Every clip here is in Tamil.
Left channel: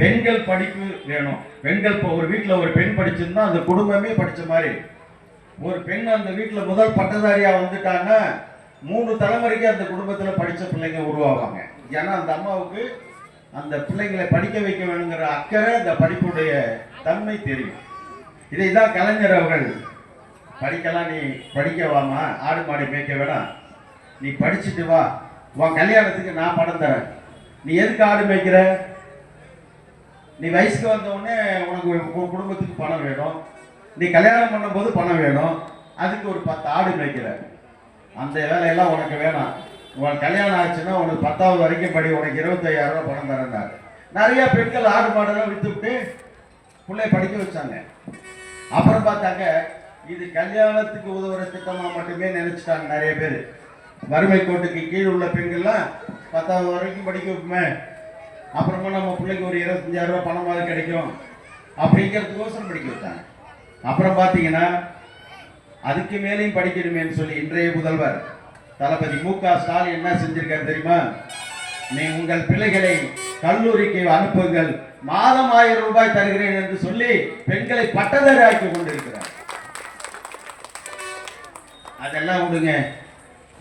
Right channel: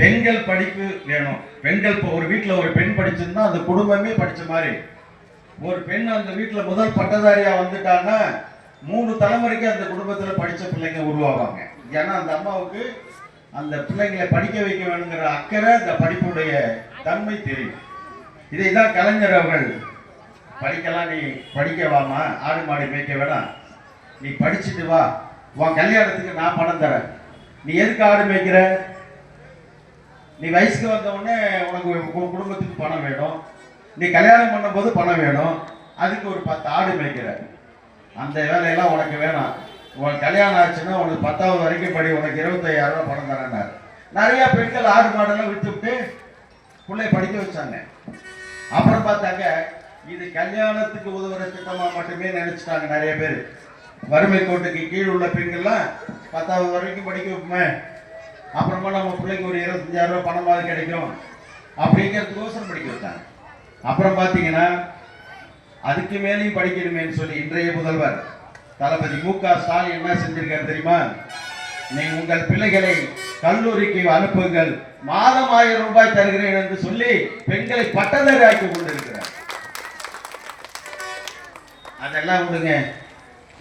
பெண்கள் படிப்பு வேணும். பெண்கள் இப்போ ஒரு வீட்டில் ஒரு பெண் படிச்சிருந்தா அந்த குடும்பமே படிச்ச மாதிரி. ஒரு பெண் அந்த வீட்டில் முதல் பட்டதாரியா வந்துட்டான்னா 3 தலைமுறைக்கு அந்த குடும்பத்தில் படித்த பிள்ளைங்க உருவாவாங்க. ஏன்னா அந்த அம்மாவுக்கு அந்த பிள்ளைங்களை படிக்க வைக்க வேணுங்கிற அக்கறை, அந்த படிப்புடைய தன்மை தெரியும். இதை தான் கலைஞர் அவர்கள், படிக்கலாம், நீ படிக்க வாமா, ஆடு மாடி மேய்க்க வேணாம், நீ படிச்சுட்டு வா, உன் கல்யாணத்துக்கு நான் பணம் தரேன், நீ எதுக்கு ஆடு மேய்க்கிற, நீ வயசுக்கு வந்தவுடனே உனக்கு குடும்பத்துக்கு பணம் வேணும், நீ கல்யாணம் பண்ணும்போது பணம் வேணும், அதுக்கு ஒரு 10 ஆடு மேய்க்கிற, அந்த வேலையெல்லாம் உனக்கு வேணாம், உனக்கு கல்யாணம் ஆச்சுன்னா உனக்கு 10வது வரைக்கும் படி, உனக்கு 25,000 ரூபாய் பணம் தரேன்னாரு. நிறைய பெண்கள் ஆடு மாடெல்லாம் விட்டு விட்டு பிள்ளை படிக்க வச்சாங்க. அப்புறம் பார்த்தாங்க இது கல்யாணத்துக்கு உதவுற திட்டமா மட்டுமே நினைச்சிட்டாங்க நிறைய பேர். வறுமை கோட்டுக்கு கீழ் உள்ள பெண்கள்லாம் 10வது வரைக்கும் படிக்க வைப்போமே, அப்புறமா நம்ம பிள்ளைக்கு ஒரு 25,000 ரூபாய் பணமாவது கிடைக்கும் அப்படிங்கிறதுக்கோசரம் படிக்க வச்சாங்க. அப்புறம் பார்த்தீங்கன்னா அதுக்கு மேலேயும் படிக்கணுமேன்னு சொல்லி இன்றைய முதல்வர் தளபதி மு.க. ஸ்டாலின் என்ன செஞ்சிருக்காரு தெரியுமா? நீ உங்கள் பிள்ளைகளை கல்லூரிக்கு அனுப்புங்கள், மாதம் 1000 ரூபாய் தருகிறேன் என்று சொல்லி பெண்களை பட்டதாரி ஆக்கி கொண்டிருக்கிறார். அதெல்லாம் விடுங்க.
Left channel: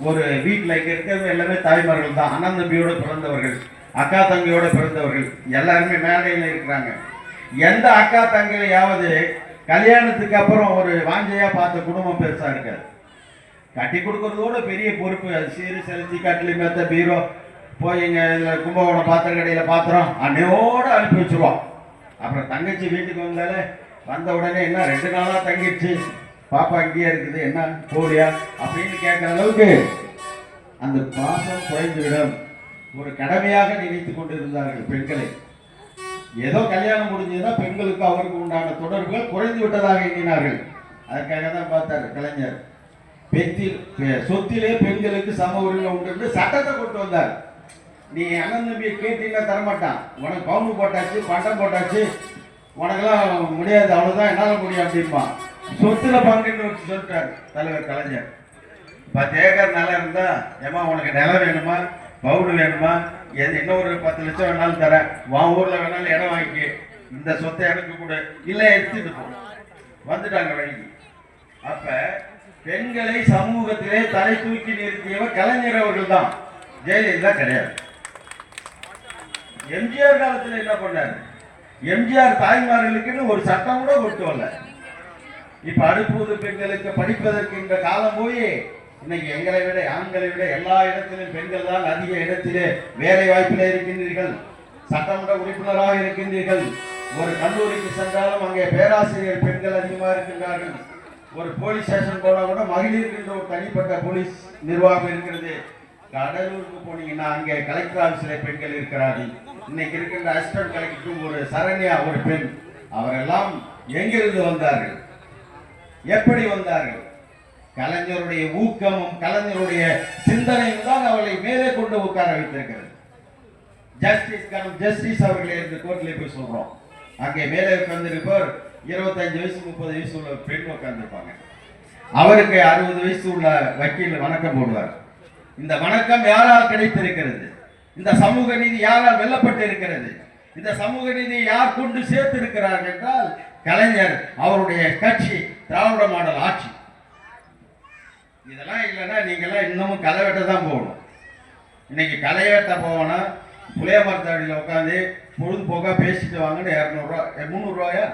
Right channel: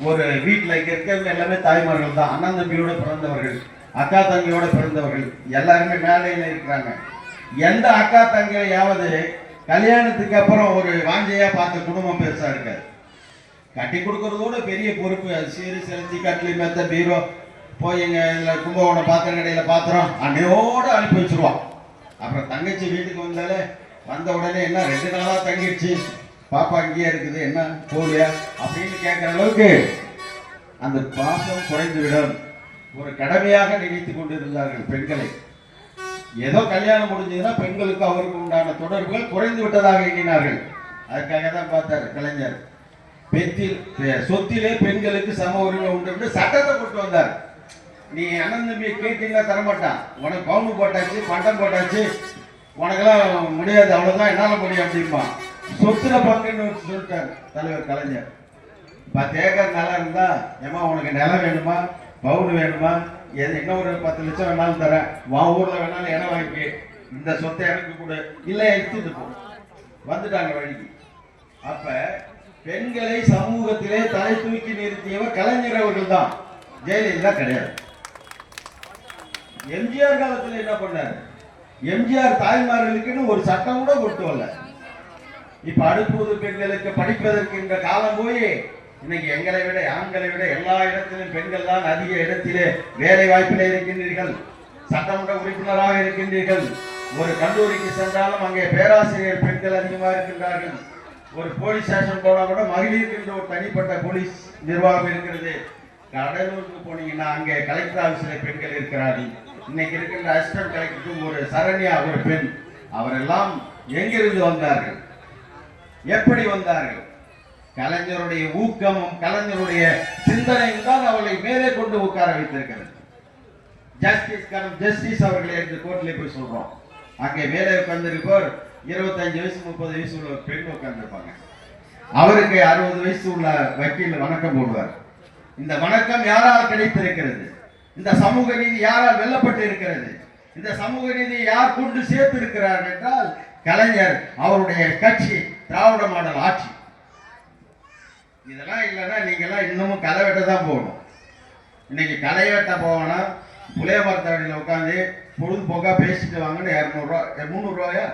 ஒரு வீட்டில் இங்க இருக்கிறவங்க எல்லாமே தாய்மார்கள் தான், அண்ணன் தம்பியோட பிறந்தவர்கள், அக்கா தம்பியோட பிறந்தவர்கள், எல்லாருமே மேடையில் இருக்கிறாங்க. எந்த அக்கா தங்கையாவது கல்யாணத்துக்கு அப்புறம் ஒரு வாஞ்சையா பார்த்த குடும்பம் பெருசா இருக்காது. கட்டி கொடுக்கறதோட பெரிய பொறுப்பு, அது சீரு செலுத்தி கட்டிலி மெத்த பீரோ போய் எங்க கும்பகோணம் பாத்திர கடையில பாத்திரம் அன்னையோட அனுப்பி வச்சிருவோம். அப்புறம் தங்கச்சி வீட்டுக்கு வந்த உடனே என்ன 2 நாளா தங்கிடுச்சு, பாப்பா இங்கேயே இருக்குது, என்ன போலியா அப்படின்னு கேட்கிற அளவுக்கு அந்த பாசம் குறைந்துவிடும். ஒரு கடமையாக நினைத்துக் கொண்டிருந்தார்கள் பெண்களை. ஏதோ கல்யாணம் முடிஞ்சதுன்னா பெண்களுக்கு அவருக்கு உண்டான தொடர்புகள் குறைந்து விட்டதாக எண்ணினார்கள். அதுக்காக தான் பார்த்தார் கலைஞர், சொத்திலே பெண்களுக்கு சம உரிமை உண்டு சட்டத்தை கொண்டு வந்தார். நீ அண்ணன் தம்பியை கேட்டீங்கன்னா தரமாட்டான், உனக்கு பவுண்டு போட்டாச்சு, பட்டம் போட்டாச்சு, உனக்கெல்லாம் முடியாது, அவ்வளவுதான், என்னால முடியும் அப்படின்பான். சொத்துல பங்குன்னு சொல்லிட்டார் தலைவர் கலைஞர். 10 ஏக்கர் நிலம் இருந்தா, ஏமா உனக்கு நிலம் வேணுமா, பவுடு வேணுமா, இன்னொரு 10 லட்சம் வேணாலும் தரேன், உன் ஊர்ல வேணாலும் இடம் வாங்கி, இந்த சொத்தை எனக்கு கூட இல்ல எடுத்துட்டு போ, வந்துட்டாங்க வழிக்கு. அப்ப பெண்களை சமூகத்திலே தலை தூக்கி நிறுத்தியவர் கலைஞர் அவர்கள் தான், ஜெயலலிதா கிடையாது. எம்ஜிஆர் காலத்தில் என்ன பண்ணாரு? எம்ஜிஆர் தாய்மார்களுக்குன்னு ஒரு சட்டம் கூட கொண்டு வரல. இப்ப அடுப்பூது பெண்களுக்கு படிப்பதற்கு என்ற காலம் போய் இன்னைக்கு எங்களை விட, ஆண்களை விட எல்லா இடத்திலும் பெண்கள் தான் அதிக இடத்திலே வேலை வாய்ப்பில் இருக்கின்றீர்கள், சட்டமன்ற உறுப்பினராக இருக்கின்றீர்கள். ஒரு கல்லூரிக்கு சென்றாலும் அங்கே பேராசிரியர் பெண்கள் அதிகமாக இருக்கின்றார்கள். ஒரு போலீஸ் ஸ்டேஷன் போனா கூட மகளிருக்கு ஒரு தனிப்பட்ட போலீஸ் நிர்வாகம் இருக்கிறது. கடலூருக்கு போனீங்கன்னா அங்கே கலெக்டர் ஆபீஸில் பெண்கள் இருக்கிறார்கள். இன்னைக்கு இருக்கின்ற அசிஸ்டன்ட் கலெக்டருக்கு ஒரு சரண்யா, ஒரு பெண். அவரெல்லாம் எங்கிருந்து வந்தார்கள், எப்படி வந்தார்கள்? கலைஞருடைய ஊக்கமும் கலைஞருடைய சிந்தனையும் தான் அவர்களை மேலே கொண்டு உட்கார வைத்திருக்கிறது. ஜஸ்டிஸ் அவர்களே என்று கோர்ட்ல போய் சொல்றோம், அங்கே மேலே உட்கார்ந்திருப்பவர் 25 வயசு 30 வயசு உள்ள பெண் உட்கார்ந்துருப்பாங்க. அவருக்கு 60 வயசு உள்ள வக்கீல் வணக்கம் போடுவார். இந்த வணக்கம் யாரால் கிடைத்திருக்கிறது? இந்த சமூக நீதி யாரால் வெல்லப்பட்டு இருக்கிறது? இந்த சமூக நீதியை யார் கொண்டு சேர்த்து இருக்கிறார் என்றால் கலைஞர், அவருடைய கட்சி, திராவிட மாடல் ஆட்சி. இதெல்லாம் இல்லைன்னா நீங்கெல்லாம் இன்னமும் களை வெட்ட தான் போகணும். இன்னைக்கு களை வெட்ட போவோம்னா புளிய மரத்தடியில் உட்காந்து பொழுதுபோக்கா பேசிட்டு வாங்கன்னு 200 ரூபா, 300 ரூபாயா,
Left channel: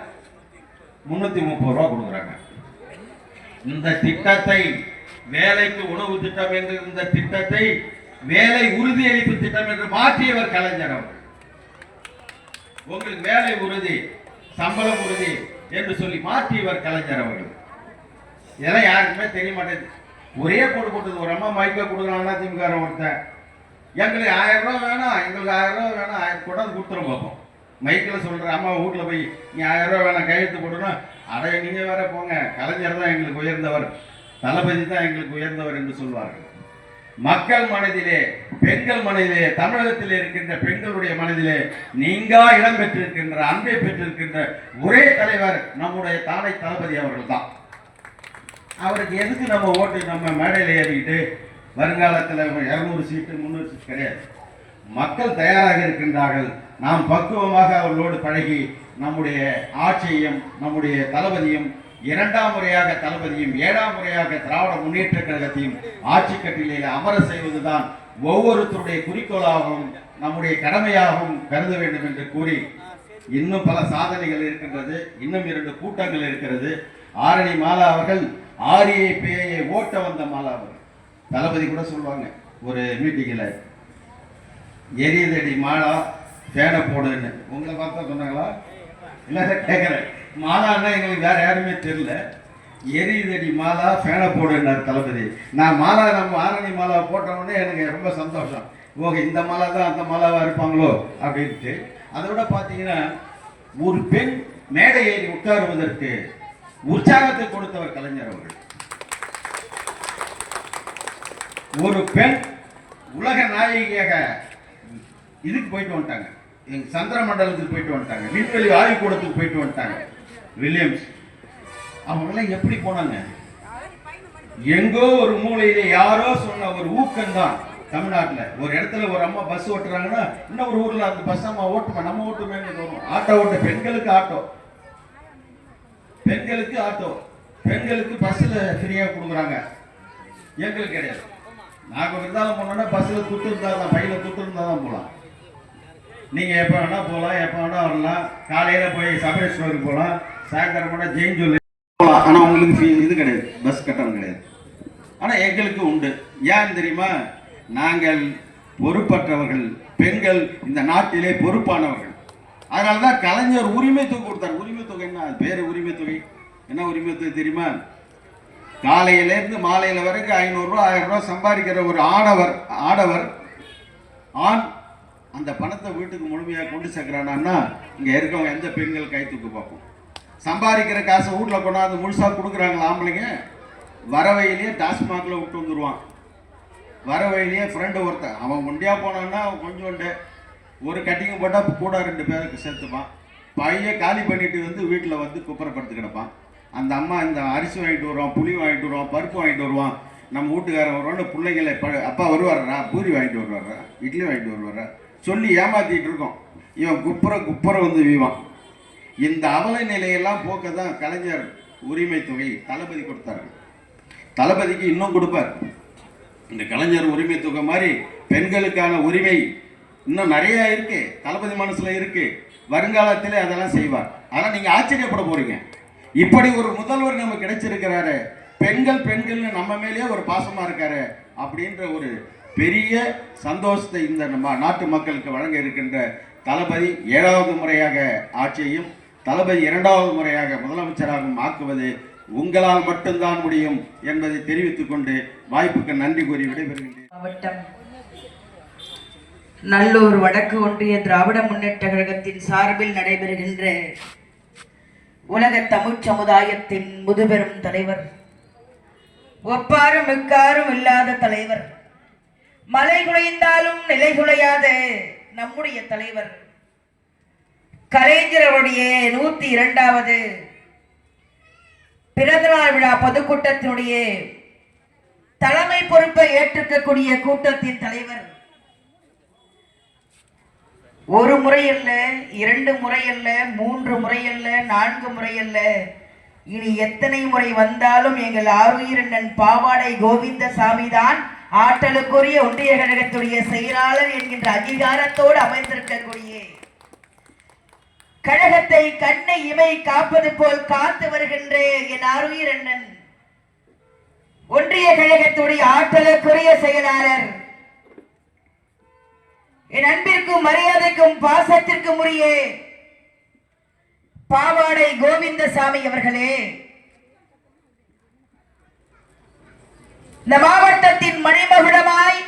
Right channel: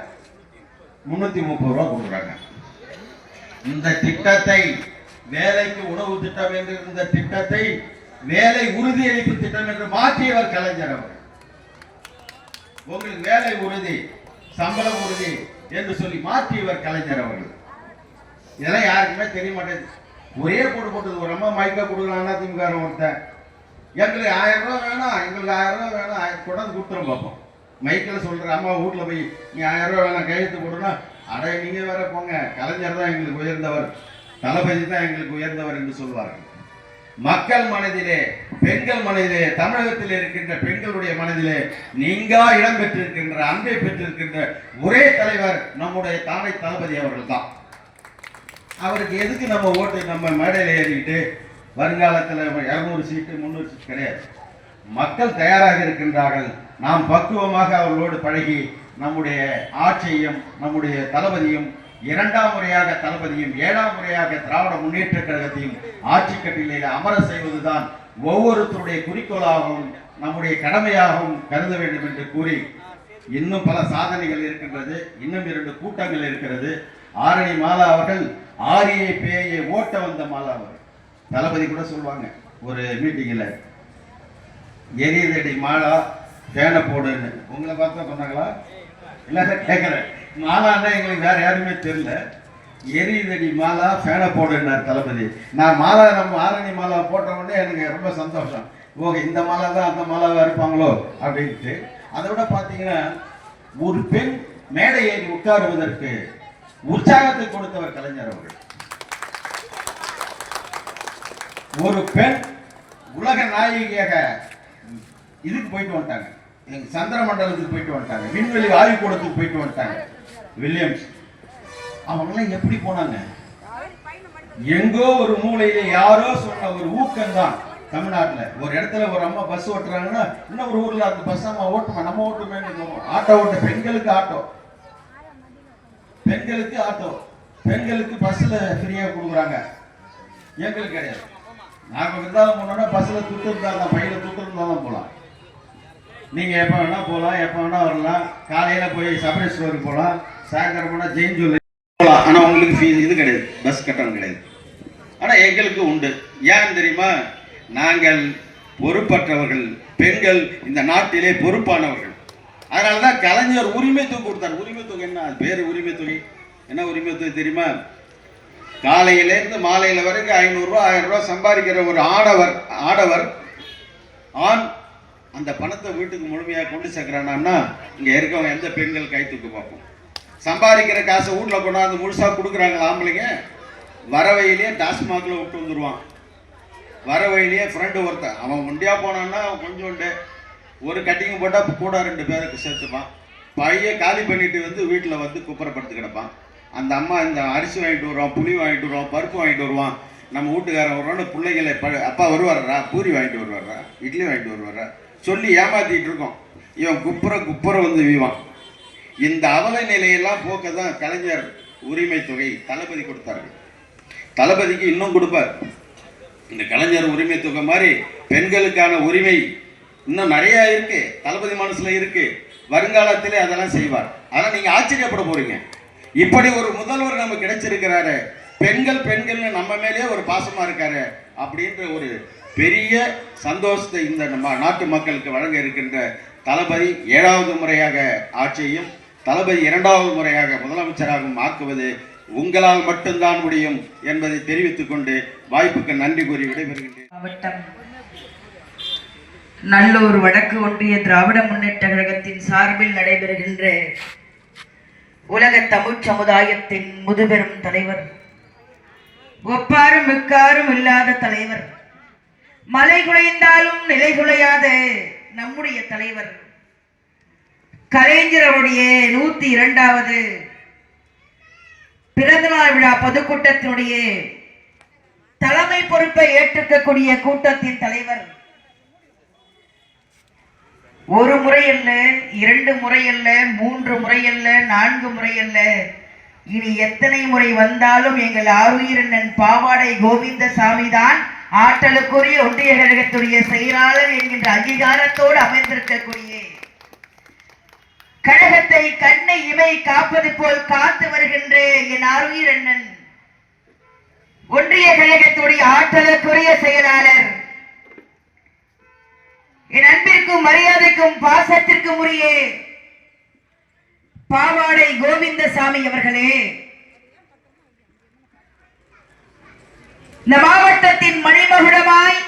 330 ரூபா கொடுக்குறாங்க. இந்த திட்டத்தை, வேலைக்கு உணவு திட்டம் என்று இந்த திட்டத்தை வேலை உறுதியளிப்பு திட்டம் என்று மாற்றியவர் கலைஞர் அவர். உங்களுக்கு வேலை உறுதி, சம்பளம் உறுதி என்று சொல்லி மாற்றியவர் கலைஞர் அவர்கள். இதெல்லாம் யாருக்குமே தெரிய மாட்டேங்குது. ஒரே போட்டு ஒரு அம்மா மைக்கா கொடுக்குறாங்கன்னா திமுக ஒருத்தன், எங்களுக்கு 1000 ரூபா வேணாம், எங்களுக்கு 1000 ரூபா வேணாம், கொண்டாந்து கொடுத்துரும் பார்ப்போம். மைக்கில் சொல்ற அம்மா வீட்டில் போய் நீ 1000 ரூபா வேணாம் கையெழுத்து போடுனா, அடைய நீங்க வேற போங்க, கலைஞர் தான் எங்களுக்கு உயர்ந்தவர், தளபதி தான் எங்களுக்கு உயர்ந்தவர் என்று சொல்வார்கள். மக்கள் மனதிலே, பெண்கள் மனதிலே, தமிழகத்தில் இருக்கின்ற பெண்களுடைய மனதிலே நீங்கா இடம் பெற்றிருக்கின்ற, அன்பை பெற்றிருக்கின்ற ஒரே தலைவர் நம்முடைய தானை தளபதி அவர்கள் தான். அவருக்கு எதுக்கு நம்ம ஓட்டு நம்ம மேடையில் ஏறிக்கிட்டு வருங்காலத்தில் 200 சீட்டு 300 சீட்டு கிடையாது. மக்கள் தயாராக இருக்கின்றார்கள். நாம் பக்குவமாக அவர்களோடு பழகி நம்முடைய ஆட்சியையும் நம்முடைய தளபதியும் 2ஆம் முறையாக தளபதியும் 7ஆம் முறையாக திராவிட முன்னேற்ற கழகத்தையும் ஆட்சி கட்டிலையில் அமர செய்வதுதான் ஒவ்வொருத்தருடைய குறிக்கோளாகவும் நம்முடைய கடமையாகவும் கருத வேண்டும் என்று கூறி, இன்னும் பல சாதனைகள் இருக்கின்றது. இன்னும் 2 கூட்டங்கள் இருக்கிறது. ஆரணி மாலா அவர்கள் ஆரியை பேயை ஓட்ட வந்த மாலா அவர்கள். தளபதி கூட சொல்லுவாங்க ஒரு மீட்டிங்கில், எரியதடி மாலா ஃபேனை போடுன்னு. உங்களை பார்த்தா சொன்னாங்களா? இல்லை கேட்குறேன். மாலான்னா எங்களுக்கு வேற யாருமே தெரியல. எரியதடி மாலா ஃபேனை போடுன்னார் தளபதி. நான் மாலா நம்ம ஆரணி மாலா போட்ட உடனே எனக்கு ரொம்ப சந்தோஷம். ஓகே, இந்த மாலா தான் அந்த மாலாவா இருப்பாங்களோ அப்படின்ட்டு. அதை விட பார்த்தீங்கன்னா, ஒரு பெண் மேடை ஏறி உட்காருவதற்கு உற்சாகத்தை கொடுத்தவர் கலைஞர் அவர்கள். ஒரு பெண் உலக நாயகியாக இதுக்கு போயிட்டு வந்துட்டாங்க, எங்க சந்திர மண்டலத்துக்கு போயிட்டு வந்துட்டாங்க, விண்வெளி ஆய்வுக்கூடத்துக்கு போயிட்டு வந்துட்டாங்க. வில்லியம்ஸ் அவங்களாம் எப்படி போனாங்க? எங்கோ ஒரு மூலையில யாரோ சொன்ன ஒரு ஊக்கம் தான். தமிழ்நாட்டில் ஒரு இடத்துல ஒரு அம்மா பஸ் ஓட்டுறாங்கன்னா இன்னொரு ஊர்ல அந்த பஸ் அம்மா ஓட்டுமா, நம்ம ஓட்டுமே தோணும். ஆட்டோ ஓட்டு, பெண்களுக்கு ஆட்டோ, பெண்களுக்கு ஆட்டோ, பெண்களுக்கு பஸ்ல ஃப்ரீயா கொடுக்குறாங்க. எங்களுக்கு கிடையாது. நாங்கள் இருந்தாலும் போனோம்னா பஸ்ல துட்டு இருந்தாங்க, பையில துட்டு இருந்தா தான் போகலாம். நீங்க எப்ப வேணா போகலாம், எப்ப வேணா வரலாம். காலையில போய் சபரி ஸ்டோருக்கு போகலாம், சாயந்தரம் போனா ஜெயின் ஜுவல்லரி போகலாம். ஆனா உங்களுக்கு இது கிடையாது, பஸ் கட்டணம் கிடையாது. ஆனா எங்களுக்கு உண்டு. ஏன் தெரியுமா? நாங்கள் பொறுப்பற்றவர்கள், பெண்கள் இந்த நாட்டிலே பொறுப்பானவர்கள். அதனாலதான் கலைஞர் உரிமை தொகை கொடுத்தார். உரிமை தொகை என்ன பேரு? உரிமை தொகை என்ன உரிமை தொகை தெரியுமா? காலையில இருந்து மாலையில வரைக்கும் 500 ரூபா 1000 ரூபா சம்பாதிக்கிற ஒரு ஆடவர் ஆண் அந்த பணத்தை வீட்டுக்கு முழுமையாக கொண்டு சேர்க்கிறானா, இங்க இருக்கவங்க எந்த பெண்கள் கை தூக்கு பார்ப்போம். சம்பாதிக்கிற காசை வீட்டுல கொண்டாந்து முழுசா கொடுக்குறாங்களா ஆம்பளைங்க? வரவையிலேயே டாஸ்மாக்ல விட்டு வந்துடுவான். வரவையிலேயே ஃப்ரெண்டு ஒருத்தன் அவன் ஒண்டியா போனான்னா அவன் கொஞ்சோண்டு ஒரு கட்டிங் போட்டா கூட 2 பேருக்கு சேர்த்துப்பான். பைய காலி பண்ணிட்டு வந்து வீட்டில் வந்து குப்பரப்படுத்து கிடப்பான். அந்த அம்மா இந்த அரிசி வாங்கிட்டு வருவான், புளி வாங்கிட்டு வருவான், பருப்பு வாங்கிட்டு வருவான். நம்ம வீட்டுக்காரன் வருவான்னு பிள்ளைகளை அப்பா வருவாரா, பூரி வாங்கிட்டு வருவாரா, இட்லி வாங்கிட்டு வருவாரா சொல்லி ஏமாத்திட்டு இருக்கோம். இவன் குப்புற வந்து வீவான். இந்த அவல நிலையெல்லாம் போக்க தான் கலைஞர் உரிமை தொகை தளபதி கொடுத்தார்கள். தளபதிக்கு இன்னும் கொடுப்பார். இந்த கலைஞர் உரிமை தொகை மாதிரி பெண்களுக்கான உரிமை இன்னும் நிறைய இருக்கு, தளபதி மனசுல இருக்கு. வருங்காலத்திலே அதெல்லாம் செய்வார். ஆனா நீங்க ஆச்சரியப்பட போறீங்க, இப்படி ஒரு முதல்வர் நமக்கு கிடைச்சிருக்கிறாரு, பெண்கள் நம்ம மேலேயே ஒரு பாசமா இருக்காரு அப்படின்ற ஒரு பெரிய சந்தோஷத்தை இந்த நாட்டு மக்களுக்கு வழங்க இருக்கின்ற தளபதி 7வது முறையாக ஆட்சியையும் தளபதி 2வது முறையாக முதலமைச்சராகவும் ஆக்குவது உங்களால் மட்டும்தான் முடியும் என்பதை தெரிவித்துக் கொண்டு வாய்ப்புக்கு நன்றி கூறி விடைபெறுகின்றேன். மாவட்டம் நல்லூர் வடக்கு ஒன்றிய திராவிட முன்னேற்ற கழகத்தின் சார்பில் நடைபெறுகின்ற உலக தமிழ் சமுதாயத்தின் முதுபெரும் தலைவர், ஒப்பாரும் மிக்காரும் இல்லாத தலைவர், மலை குலைந்தாலும் நிலை குலையாத நம்முடைய தலைவர் கலைஞருடைய 102வது பிறந்தநாள் விழா பொதுக்கூட்டத்தினுடைய தலைமை பொறுப்பை ஏற்றிருக்கக்கூடிய கூட்டத்தின் தலைவர், ஒரு முறை அல்ல, 2 முறை அல்ல, 3 முறை அல்ல, 4 முறை அல்ல, இனி எத்தனை முறை வந்தாலும் எங்கள் ஆருயிரண்ணன் பாவாடை கோவிந்தசாமி தான் ஆற்றலுக்குரிய ஒன்றிய கழகத்துடைய செயலாளர் என்கின்ற அங்கீகாரத்தோடு அமைந்திருக்கக்கூடிய கழகத்தை கண்ணை இமை காப்பது போல் காத்து வருகின்ற என் ஆருயிரண்ணன் ஒன்றிய கழகத்துடைய ஆற்றலுக்குரிய செயலாளர், என் அன்பிற்கும் மரியாதைக்கும் பாசத்திற்கும் உரிய பாவாடை கோவிந்தசாமி அவர்களே, இந்த மாவட்டத்தின் மணிமகுடமாய்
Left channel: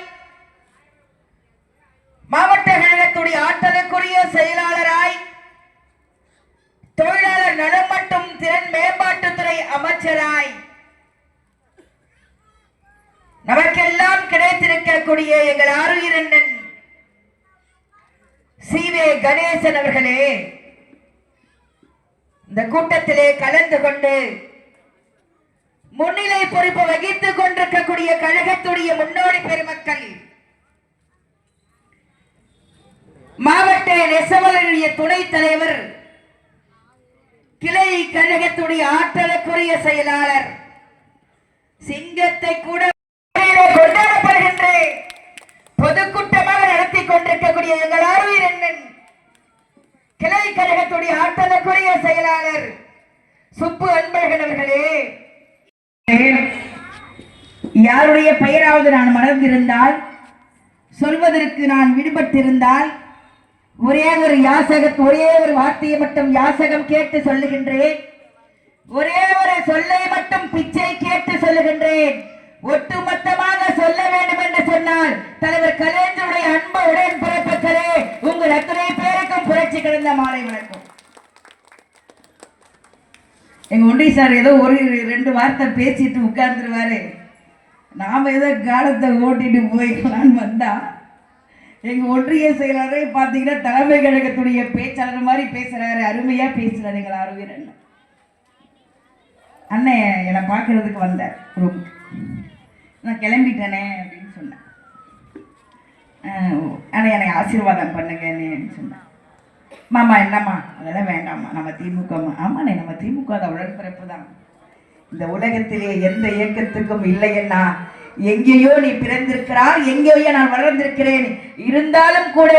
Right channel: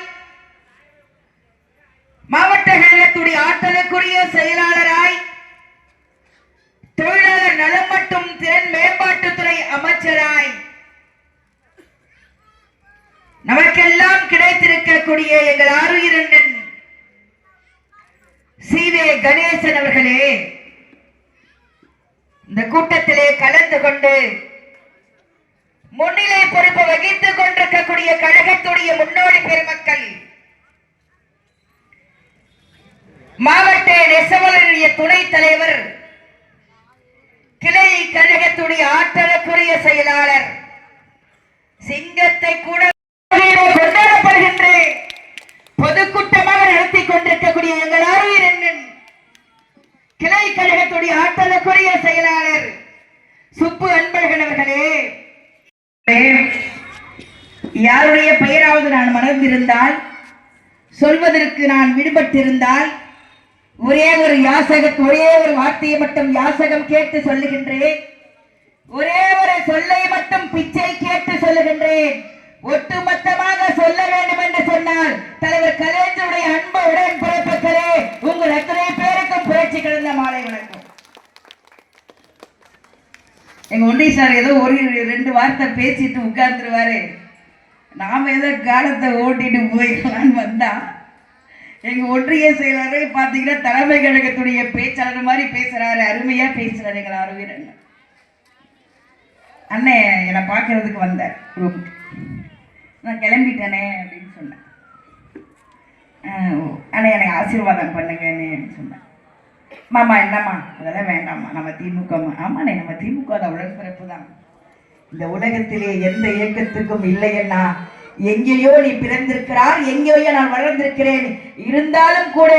மாவட்ட கழகத்துடைய ஆற்றலுக்குரிய செயலாளராய் தொழிலாளர் நலம் மற்றும் திறன் மேம்பாட்டுத்துறை அமைச்சராய் நமக்கெல்லாம் கிடைத்திருக்கக்கூடிய எங்கள் ஆருயிரண்ணன் சி.வே. கணேசன் அவர்களே, இந்த கூட்டத்திலே கலந்து கொண்டு முன்னிலை பொறுப்பு வகித்துக் கொண்டிருக்கக்கூடிய கழகத்துடைய முன்னோடி பெருமக்கள், மாவட்ட நெசவாளருடைய துணைத் தலைவர், கிளை கழகத்துடைய ஆற்றலுக்குரிய செயலாளர், சிங்கத்தை கூட கொண்டாடப்படுகின்ற பொதுக்கூட்டமாக நடத்தி கொண்டிருக்கக்கூடிய எங்கள் ஆர்வீரன் கிளை கழகத்துடைய ஆற்றலுக்குரிய செயலாளர் சுப்பு அன்பழகன் அவர்களே, யாருடைய பெயராவது நான் மறந்திருந்தால், சொல்வதற்கு நான் விடுபட்டிருந்தால் ஒரே ஒரு வார்த்தையை மட்டும் யாசகம் கேட்டு சொல்லுகின்றேன். ஒரே ஒரு சொல்லை மட்டும் பிச்சை கேட்டு சொல்லுகின்றேன். ஒட்டுமொத்தமாக சொல்ல வேண்டும் என்று சொன்னால் தலைவர் கலைஞருடைய அன்பு உடன் பிறப்புகளே, உங்கள் அத்தனை பேருக்கும் புரட்சி கடந்த மாலை வணக்கம். எங்க ஒன்றிய சார் ஏதோ ஒரு 2 வார்த்தை பேசிட்டு உட்கார்ந்துருவாரு. நாம ஏதோ காலத்தை ஓட்டிட்டு போயிடலான்னு வந்தா எங்க ஒன்றிய செயலாளரே பாத்தீங்கன்னா தலைமை கழகத்துடைய பேச்சாளர் மாதிரி பேசுறாரு. அருமையா பேசுறாரு எங்கள் ஆர்வீரன் அண்ணன். என்னை பார்க்கறதுக்கு வந்தார் ரூமுக்கு. நான் கிளம்பிட்டேனே அப்படின்னு சொன்னேன். அண்ணே என்னை ஆசீர்வாதம் பண்ணுங்கன்னு சொன்னேன். மாமா என்னம்மா அதெல்லாம் வேண்டாம்மா, நம்ம திமுக. ஆமா நம்ம திமுக தான், உடன்பிறப்பு தான். இந்த உலகத்திலே எந்த இயக்கத்துக்கும் இல்லைன்னா எங்கேயோ நீ பிறந்திருக்கிறார், எங்கேயோ நான் வளர்ந்திருக்கிறேன். இருந்தாலும் கூட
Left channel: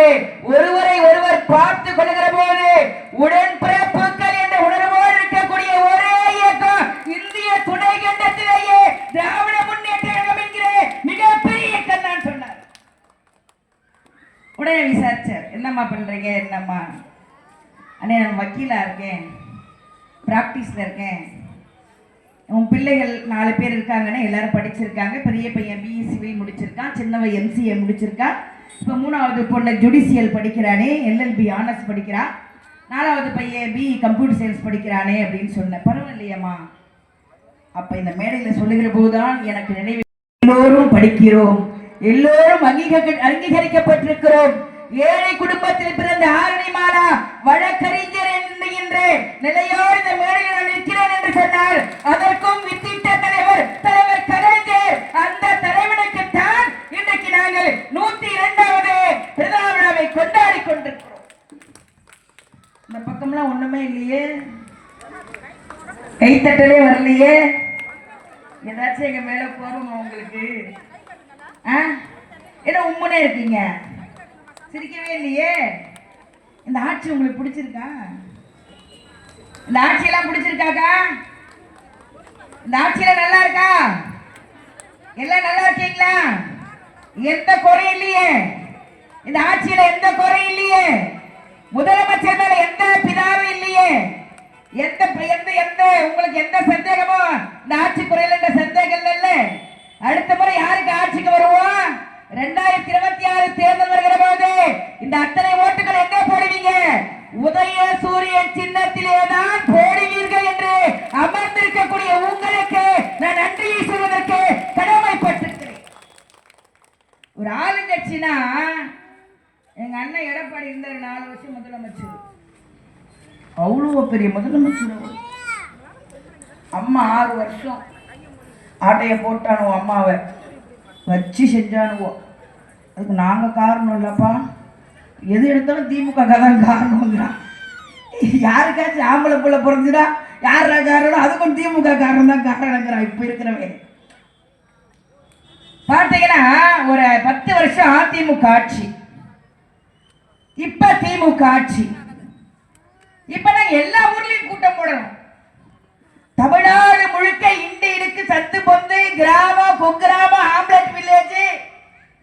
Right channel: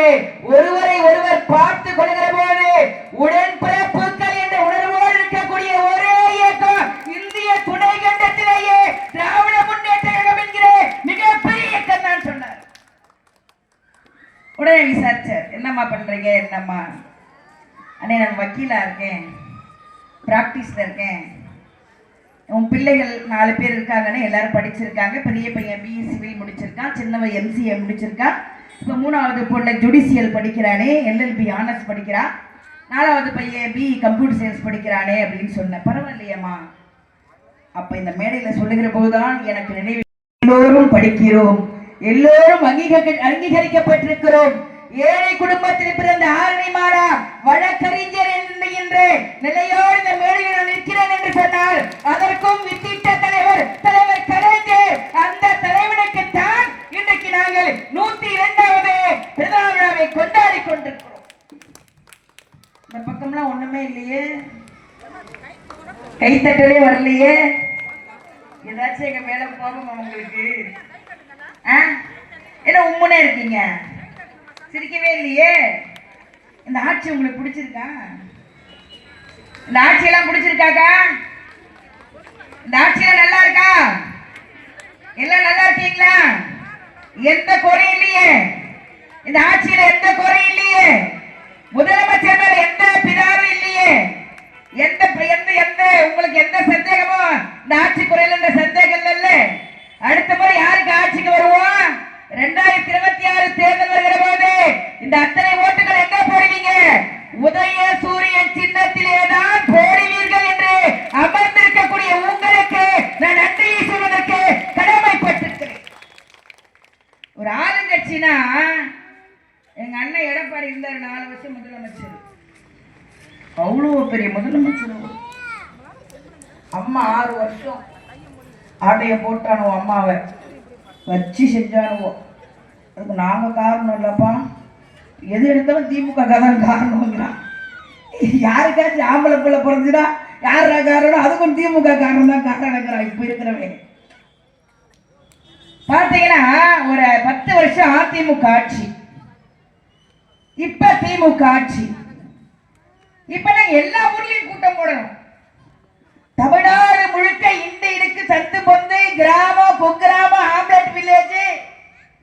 ஒருவரை ஒருவர் பார்த்து கொள்கிற போது உடன்பிறப்புகள் என்ற உணர்வோடு இருக்கக்கூடிய ஒரே இயக்கம் இந்திய துணை கண்டத்திலேயே திராவிட முன்னேற்ற கழகம் என்கிற மிகப்பெரிய இயக்கம் தான் சொன்னார். உடனே விசாரிச்சார், என்னம்மா பண்றீங்க? என்னம்மா? அண்ணே நான் வக்கீலா இருக்கேன், பிராக்டிஸ்ல இருக்கேன். உன் பிள்ளைகள் 4 பேர் இருக்காங்கன்னு எல்லாரும் படிச்சிருக்காங்க. பெரிய பையன் பிஎஸ்சி முடிச்சிருக்கான், சின்னவன் எம்சிஏ முடிச்சிருக்கான். இப்போ 3வது பொண்ணு ஜுடிஷியல் படிக்கிறானே, எல்எல்பி ஆனர்ஸ் படிக்கிறா. 4வது பையன் பிஇ கம்ப்யூட்டர் சயின்ஸ் படிக்கிறானே அப்படின்னு சொன்னேன். பரவாயில்லையம்மா. அப்ப இந்த மேடையில சொல்லுகிற போதுதான் எனக்கு நினைவு, எல்லோரும் படிக்கிறோம், எல்லோரும் அங்கீகரிக்கப்பட்டிருக்கிறோம். ஏழை குடும்பத்தில் பிறந்த ஆரணி மாலா வழக்கறிஞர் என்கின்ற நிலையோடு இந்த மேடையில் நான் நிற்கிறேன் என்று சொன்னால் அதற்கும் வித்திட்ட தலைவர் தலைவர் கலைஞர். அந்த தலைவனுக்கு தான் இன்றைக்கு நாங்கள் 102வது பிறந்த விழாவை கொண்டாடி கொண்டிருக்கிறோம். இந்த பக்கம்லாம் ஒண்ணுமே இல்லையே, கைத்தட்டவே வரலையே. ஏதாச்சும் எங்க மேல போகணும் உங்களுக்கு? என்ன உண்மையே இருக்கீங்க, சிரிக்கவே இல்லையே. இந்த ஆட்சி உங்களுக்கு பிடிச்சிருக்கா? இந்த ஆட்சியெல்லாம் பிடிச்சிருக்காக்கா? இந்த ஆட்சியெல்லாம் நல்லா இருக்கா? எல்லாம் நல்லா இருக்கீங்களா? எந்த குறையும் இல்லையே, இந்த ஆட்சியில எந்த குறையும் இல்லையே. முதலமைச்சர் மேல எந்த பிதாவும் இல்லையே. எந்த எந்த உங்களுக்கு எந்த சந்தேகமோ இந்த ஆட்சி குறையில எந்த சந்தேகம் இல்ல. அடுத்த முறை யாருக்கு ஆட்சிக்கு வருவோம்? 2026 தேர்தல் வருகிற போது இந்த அத்தனை ஓட்டுகள் எங்க போடுவீங்க? உதய சூரியன் சின்னத்திலே தான் போடுவீர்கள் என்று அமர்ந்திருக்கக்கூடிய உங்களுக்கு நான் நன்றியை சொல்வதற்கு கடமைப்பட்டிருக்கிறேன். ஒரு ஆளுங்கட்சினா எங்க அண்ணன் எடப்பாடி இருந்தார் 4 வருஷம் முதலமைச்சர். அவ்வளோ பெரிய முதலமைச்சர். அம்மா 6 வருஷம் ஆட்டைய போட்டானுவோம், அம்மாவை வச்சு செஞ்சானுவோம். அதுக்கு நாங்கள் காரணம் இல்லைப்பா, எது எடுத்தாலும் திமுக காரணம் காரணம்ங்கிறான். யாருக்காச்சும் ஆம்பளை பிள்ளை பிறந்துடா யாரா காரணம்? அதுக்கும் திமுக காரணம் தான் காரணங்கிறான். இப்ப இருக்கிறவங்க பார்த்தீங்கன்னா ஒரு 10 வருஷம் அதிமுக ஆட்சி, இப்ப திமுக ஆட்சி. இப்ப நாங்க எல்லா ஊர்லயும் கூட்டம் போடணும். தமிழ்நாடு முழுக்க இருக்கு சத்து பொந்து கிராமம் குக்கிராமம் ஹாம்லெட் வில்லேஜ்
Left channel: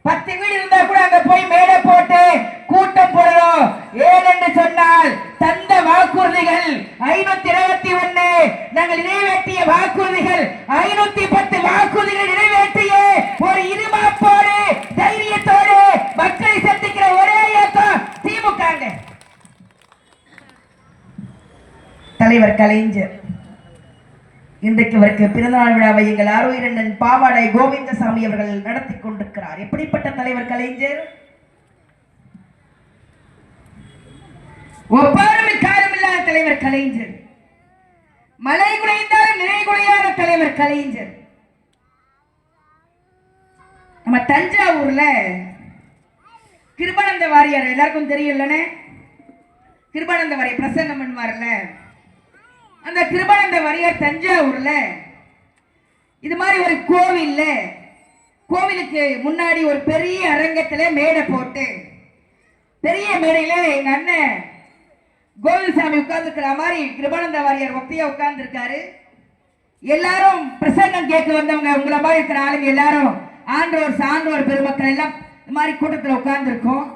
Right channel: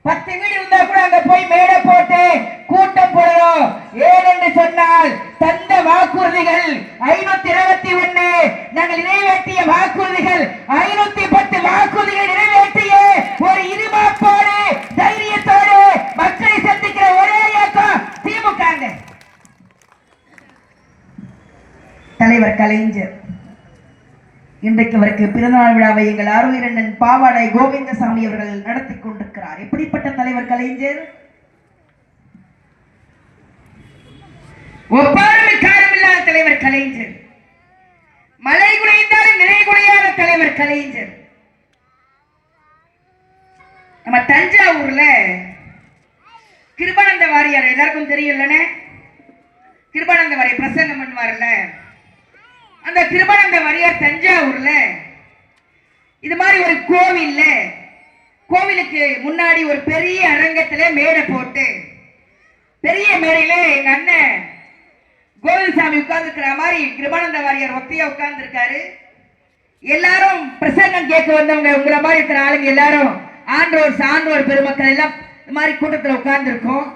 10 வீடு இருந்தா கூட அங்க போய் மேடை போட்டு கூட்டம் போடணும். ஏனென்று சொன்னால் தந்த வாக்குறுதிகள் 521, நாங்கள் நிறைவேற்றிய வாக்குறுதிகள் 510 வாக்குறுதிகள் நிறைவேற்றிய ஒரு இருமாப்போடு தைரியத்தோடு மக்களை சந்திக்கிற ஒரே இயக்கம் திமுக. தலைவர் கலைஞர் இன்றைக்கு அவருக்கு பிறந்தநாள் விழாவை எங்கள் ஆர்வீரன் பாவாடை கோவிந்தசாமி அவர்கள் நடத்தி கொண்டிருக்கிறார். எப்படிப்பட்ட தலைவர் கலைஞர்! ஒப்பாரும் காரணமில்லாத தலைவர் கலைஞர், மழை குறைந்தாலும் நிலை குறையாத தலைவர் கலைஞர். நம்ம தஞ்சாவூர்ல கிருபானந்த வாரியார் வாரியார் எல்லாருக்கும் தெரியும் இல்லைன்னு? கிருபானந்த வாரியார் பிரசங்கம் பண்ணுவார்ல, அந்த கிருபானந்த வாரியார் தஞ்சாவூர்ல இது மாதிரி ஒரு கோவிலுக்கு முன்னாடி ஒரு பெரிய அரங்கத்துல மேடை போட்டு, பெரிய மேடையில எங்க அண்ணன் கோவிந்தசாமி உட்கார்ந்துக்கிற மாதிரி கிருபானந்த வாரியார் ஒத்தையா உட்கார்ந்து இருக்காரு. எல்லாரும் பிரசங்கம் கேட்க வந்தவங்க, உங்களை மாதிரி இருக்கிற ஆளுங்க எல்லாரும் ஆண்டோர் சான்றோர் பெருமக்கள் எல்லாம் இந்த மாதிரி கூட்டத்தில் உட்கார்ந்து இருக்கோம்.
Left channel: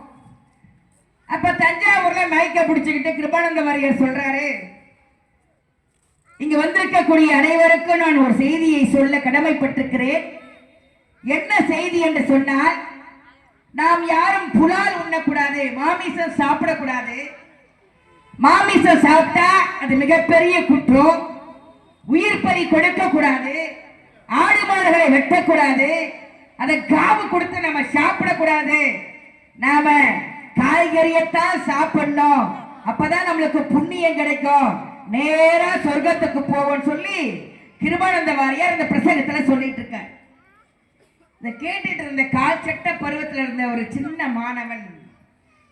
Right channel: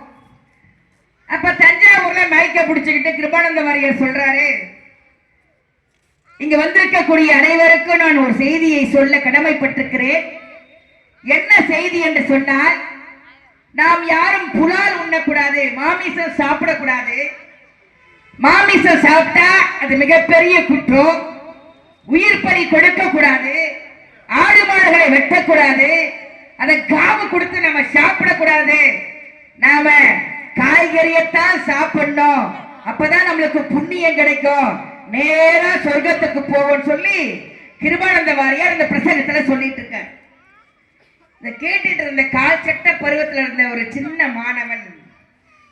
அப்ப தஞ்சாவூர்ல மைக்க பிடிச்சுக்கிட்டு கிருபானந்த வாரியார் சொல்றாரு, இங்க வந்திருக்கக்கூடிய அனைவருக்கும் நான் ஒரு செய்தியை சொல்ல கடமைப்பட்டிருக்கிறேன். என்ன செய்தி என்று சொன்னால், நாம் யாரும் புலால் உண்ணக்கூடாது, மாமிசம் சாப்பிடக்கூடாது. மாமிசம் சாப்பிட்டா அது மிகப்பெரிய குற்றம். உயிர் பலி கொடுக்க கூடாது, ஆடு மாடுகளை வெட்டக்கூடாது, அதை காவு கொடுத்து நம்ம சாப்பிடக்கூடாது. நாம காய்கறியத்தான் சாப்பிடணும், அப்பதான் நம்மளுக்கு புண்ணியம் கிடைக்கும், நேரா சொர்க்கத்துக்கு போவோம் சொல்லி கிருபானந்த வாரியார் இந்த பிரசங்கத்துல சொல்லிட்டு இருக்கார். இதை கேட்டுட்டு இருந்த கால் சட்ட பருவத்தில் இருந்த ஒரு சின்ன மாணவன்,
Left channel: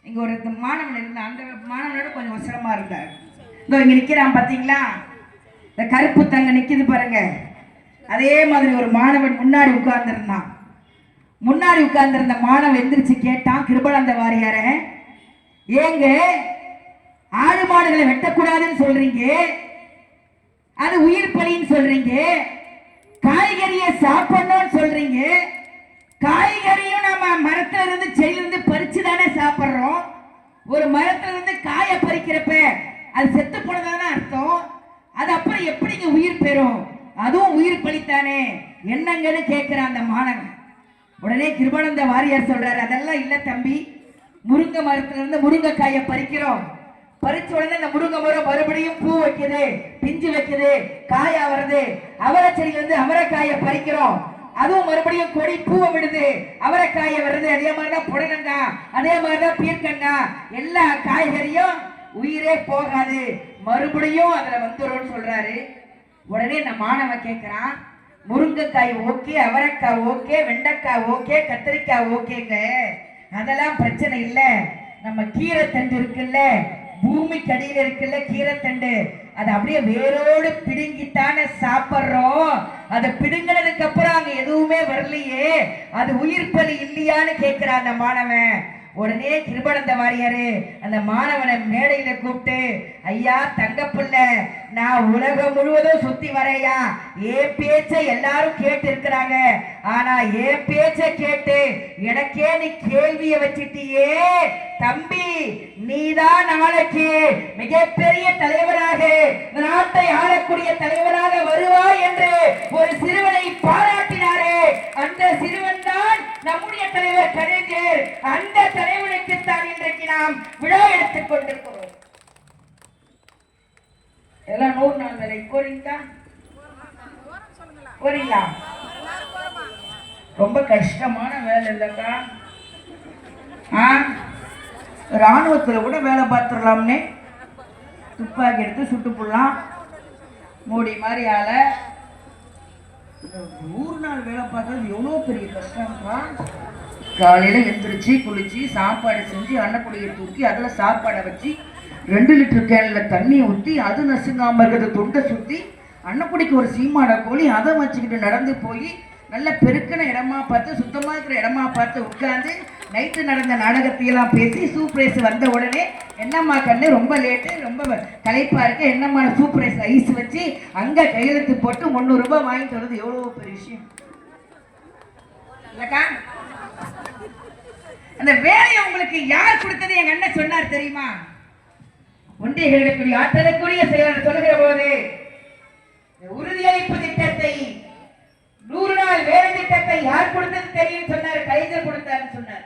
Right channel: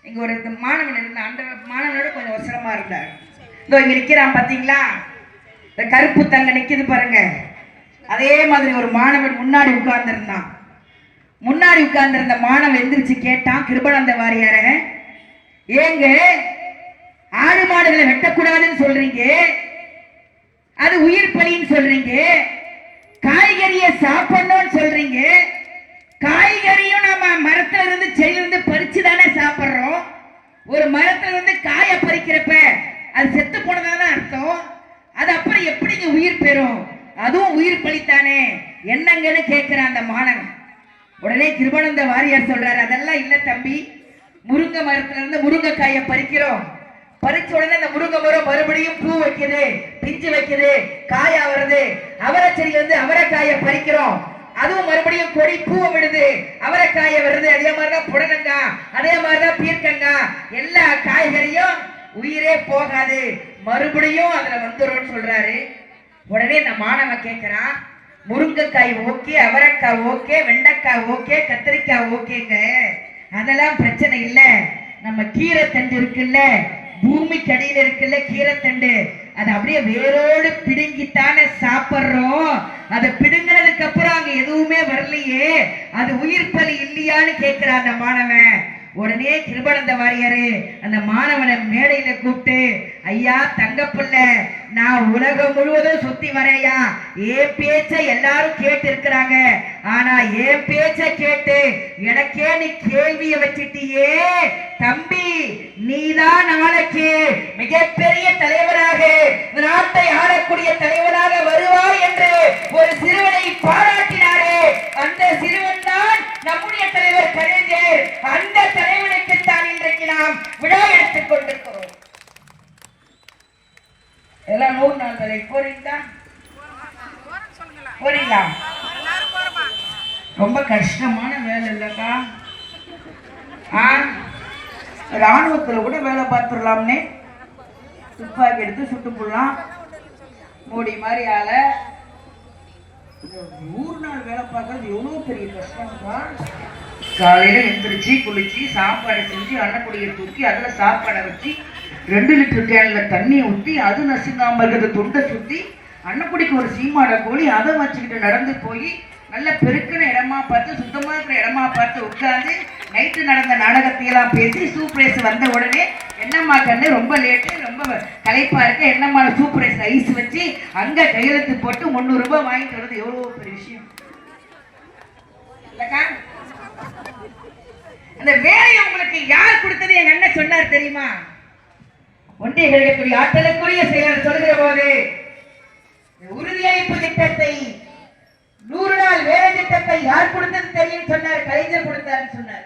இங்க ஒரு மாணவன் இருந்தான், அந்த மாணவனோட கொஞ்சம் அவசரமா இருந்தார். இதோ இங்க நிக்கிறான் பாத்தீங்களா, இந்த கருப்பு தங்க நிக்குது பாருங்க, அதே மாதிரி ஒரு மாணவன் முன்னாடி உட்கார்ந்து இருந்தான். முன்னாடி உட்கார்ந்து இருந்த மாணவன் எந்திரிச்சு கேட்டான் கிருபானந்த வாரியார, ஏங்க ஆடு மாடுகளை வெட்டக்கூடாதுன்னு சொல்றீங்க, அது உயிர் பலின்னு சொல்றீங்க, காய்கறியை சாப்பிடணும்னு சொல்றீங்க, காய்கறியும் நம்ம மரத்துல இருந்து செடியிலிருந்து பறிச்சு தானே சாப்பிடுறோம். ஒரு மரத்துல இருந்து காய பறிக்கிறப்ப அது செத்து போனதான அர்த்தம், அது அப்புறம் எப்படிங்க உயிர் பெறும், அதுவும் உயிர் பலித்தானே, என்னங்கன்னு கேட்கிறான் அந்த மாணவன். உடனே கிருபானந்த வாரியார் சொல்றாரு, அதெல்லாம் இல்ல தம்பி, முருங்கை மரத்துல இருந்து முருங்கைக்காயை பறிக்கிறோம், பறிச்ச உடனே அந்த முருங்கை மரம் மறுபடியும் பூ வைக்குது, பிஞ்சு வைக்குது, காயா வருது. அவரை செடியில இருந்து அவரைக்காயை பறிக்கிறோம், அதுவும் மறுபடியும் கொடி பூவை விடுது, அவரைக்காயை வருது. அதே மாதிரிதான் புடலங்காய், அதே மாதிரிதான் பீர்க்கங்காய், எல்லா காய்கறியும் உயிரே போகாது, மறுபடியும் அதுல வந்துடும் சொல்றாரு. உடனே இந்த மாணவன் கேட்கிறான், முருங்கைக்காய் ஓகே, அவரைக்காய் ஓகே, வெண்டைக்காய் ஓகே, கத்திரிக்காய் ஓகேங்க, அதெல்லாம் பிரச்சனை இல்ல, நம்ம கீரை தண்டு இருக்குல்ல, பூமிக்கு அடியில இருக்குல்ல கீரை தண்டு, அது அப்படியே வேரோடு பிடுங்கித்தானே சாப்பிடுறோம், அதை பிடுங்கினதுக்கு அப்புறம் அங்க எதுவுமே வரலையே, அது உயிர் பலி இல்லையான்னு கேட்கிறான் அந்த மாணவன். உடனே கிருபானந்த வாரியாரு அந்த மாணவனை மேடையில கூப்பிட்டு, ஐயா தங்க புள்ள, நான் உலகம் முழுவதும் சுத்தி வரையா, ஏன் பேச்ச எல்லாரும் கேட்டு இருக்கிறாங்க, ஆனா ஏன் பேச்ச கேட்டு எனக்கே நீ கேள்விய வச்சிட்டியே தம்பி, நீதான் நாளைக்கு மிகப்பெரிய தலைவராக, நாட்டை ஆளக்கூடிய தலைவராக வருவார் என்று ஒரு சிறுவனை பாராட்டினாரே, அந்த சிறுவன் தான் நம்முடைய தலைவர் கலைஞர். அந்த தலைவனுக்கு தான் இன்றைக்கு நாம் விழா எடுத்துக் கொண்டிருக்கிறோம். எல்லாம் 100 நாள் தலை போறீங்களா? போறீங்களா? ரொம்ப கஷ்டமான வேலை இல்லக்கா. ராணுவத்துல கூட வேலை பார்த்துடலாம்னே, துப்பாக்கி எடுத்து சுட்டு போடலாம், மோடி மாதிரி ஆள 100 நாள் வேலை பார்க்கறது எவ்வளவு பெரிய கஷ்டம்ப்பா. காலையில எந்திரிச்சு குளிச்சு சாப்பாடு செஞ்சு அன்னக்குடியை தூக்கி அதுல சாப்பாடை வச்சு 2 லிட்டர் கேன்ல தண்ணியை ஊற்றி அது நசுங்காம இருக்கிற துண்டை சுத்தி அன்னக்குடிக்கு ஒரு சீமாட கோழி அதை வச்சுக்கிட்டு நடந்து போய் நல்ல பெருக்கின இடமா பார்த்து சுத்தமா இருக்கிற இடமா பார்த்து உட்கார்ந்து நைட்டு நடந்த நாடகத்தையெல்லாம் பேசி சூப்பரைஸ் வந்த உடனே என்னம்மா கண்ணு ரொம்ப லேட்டு, ரொம்ப களைப்பா இருக்கு, என்னம்மா சூப்பரைஸ் ஐஸ் வச்சு அங்க கையெழுத்து போட்டு 300 ரூபாய் வாங்கிட்டு வர்றது எவ்வளவு பெரிய விஷயம் இல்லக்கா. அந்த வேலையை உங்களுக்கு யார் கொடுத்தது எங்க அண்ணன் சொன்னார் தெரியுமா? ஒன்றிய ஆற்றலுக்குரிய செயலர் சொல்கிற போது உறுதியளிப்பு திட்டத்தை 100 நாள் வேலை திட்டத்தை யார் கொடுத்தது தெரியும் சொன்னார், கலைஞர் கொடுத்தாருன்னு சொன்னார்.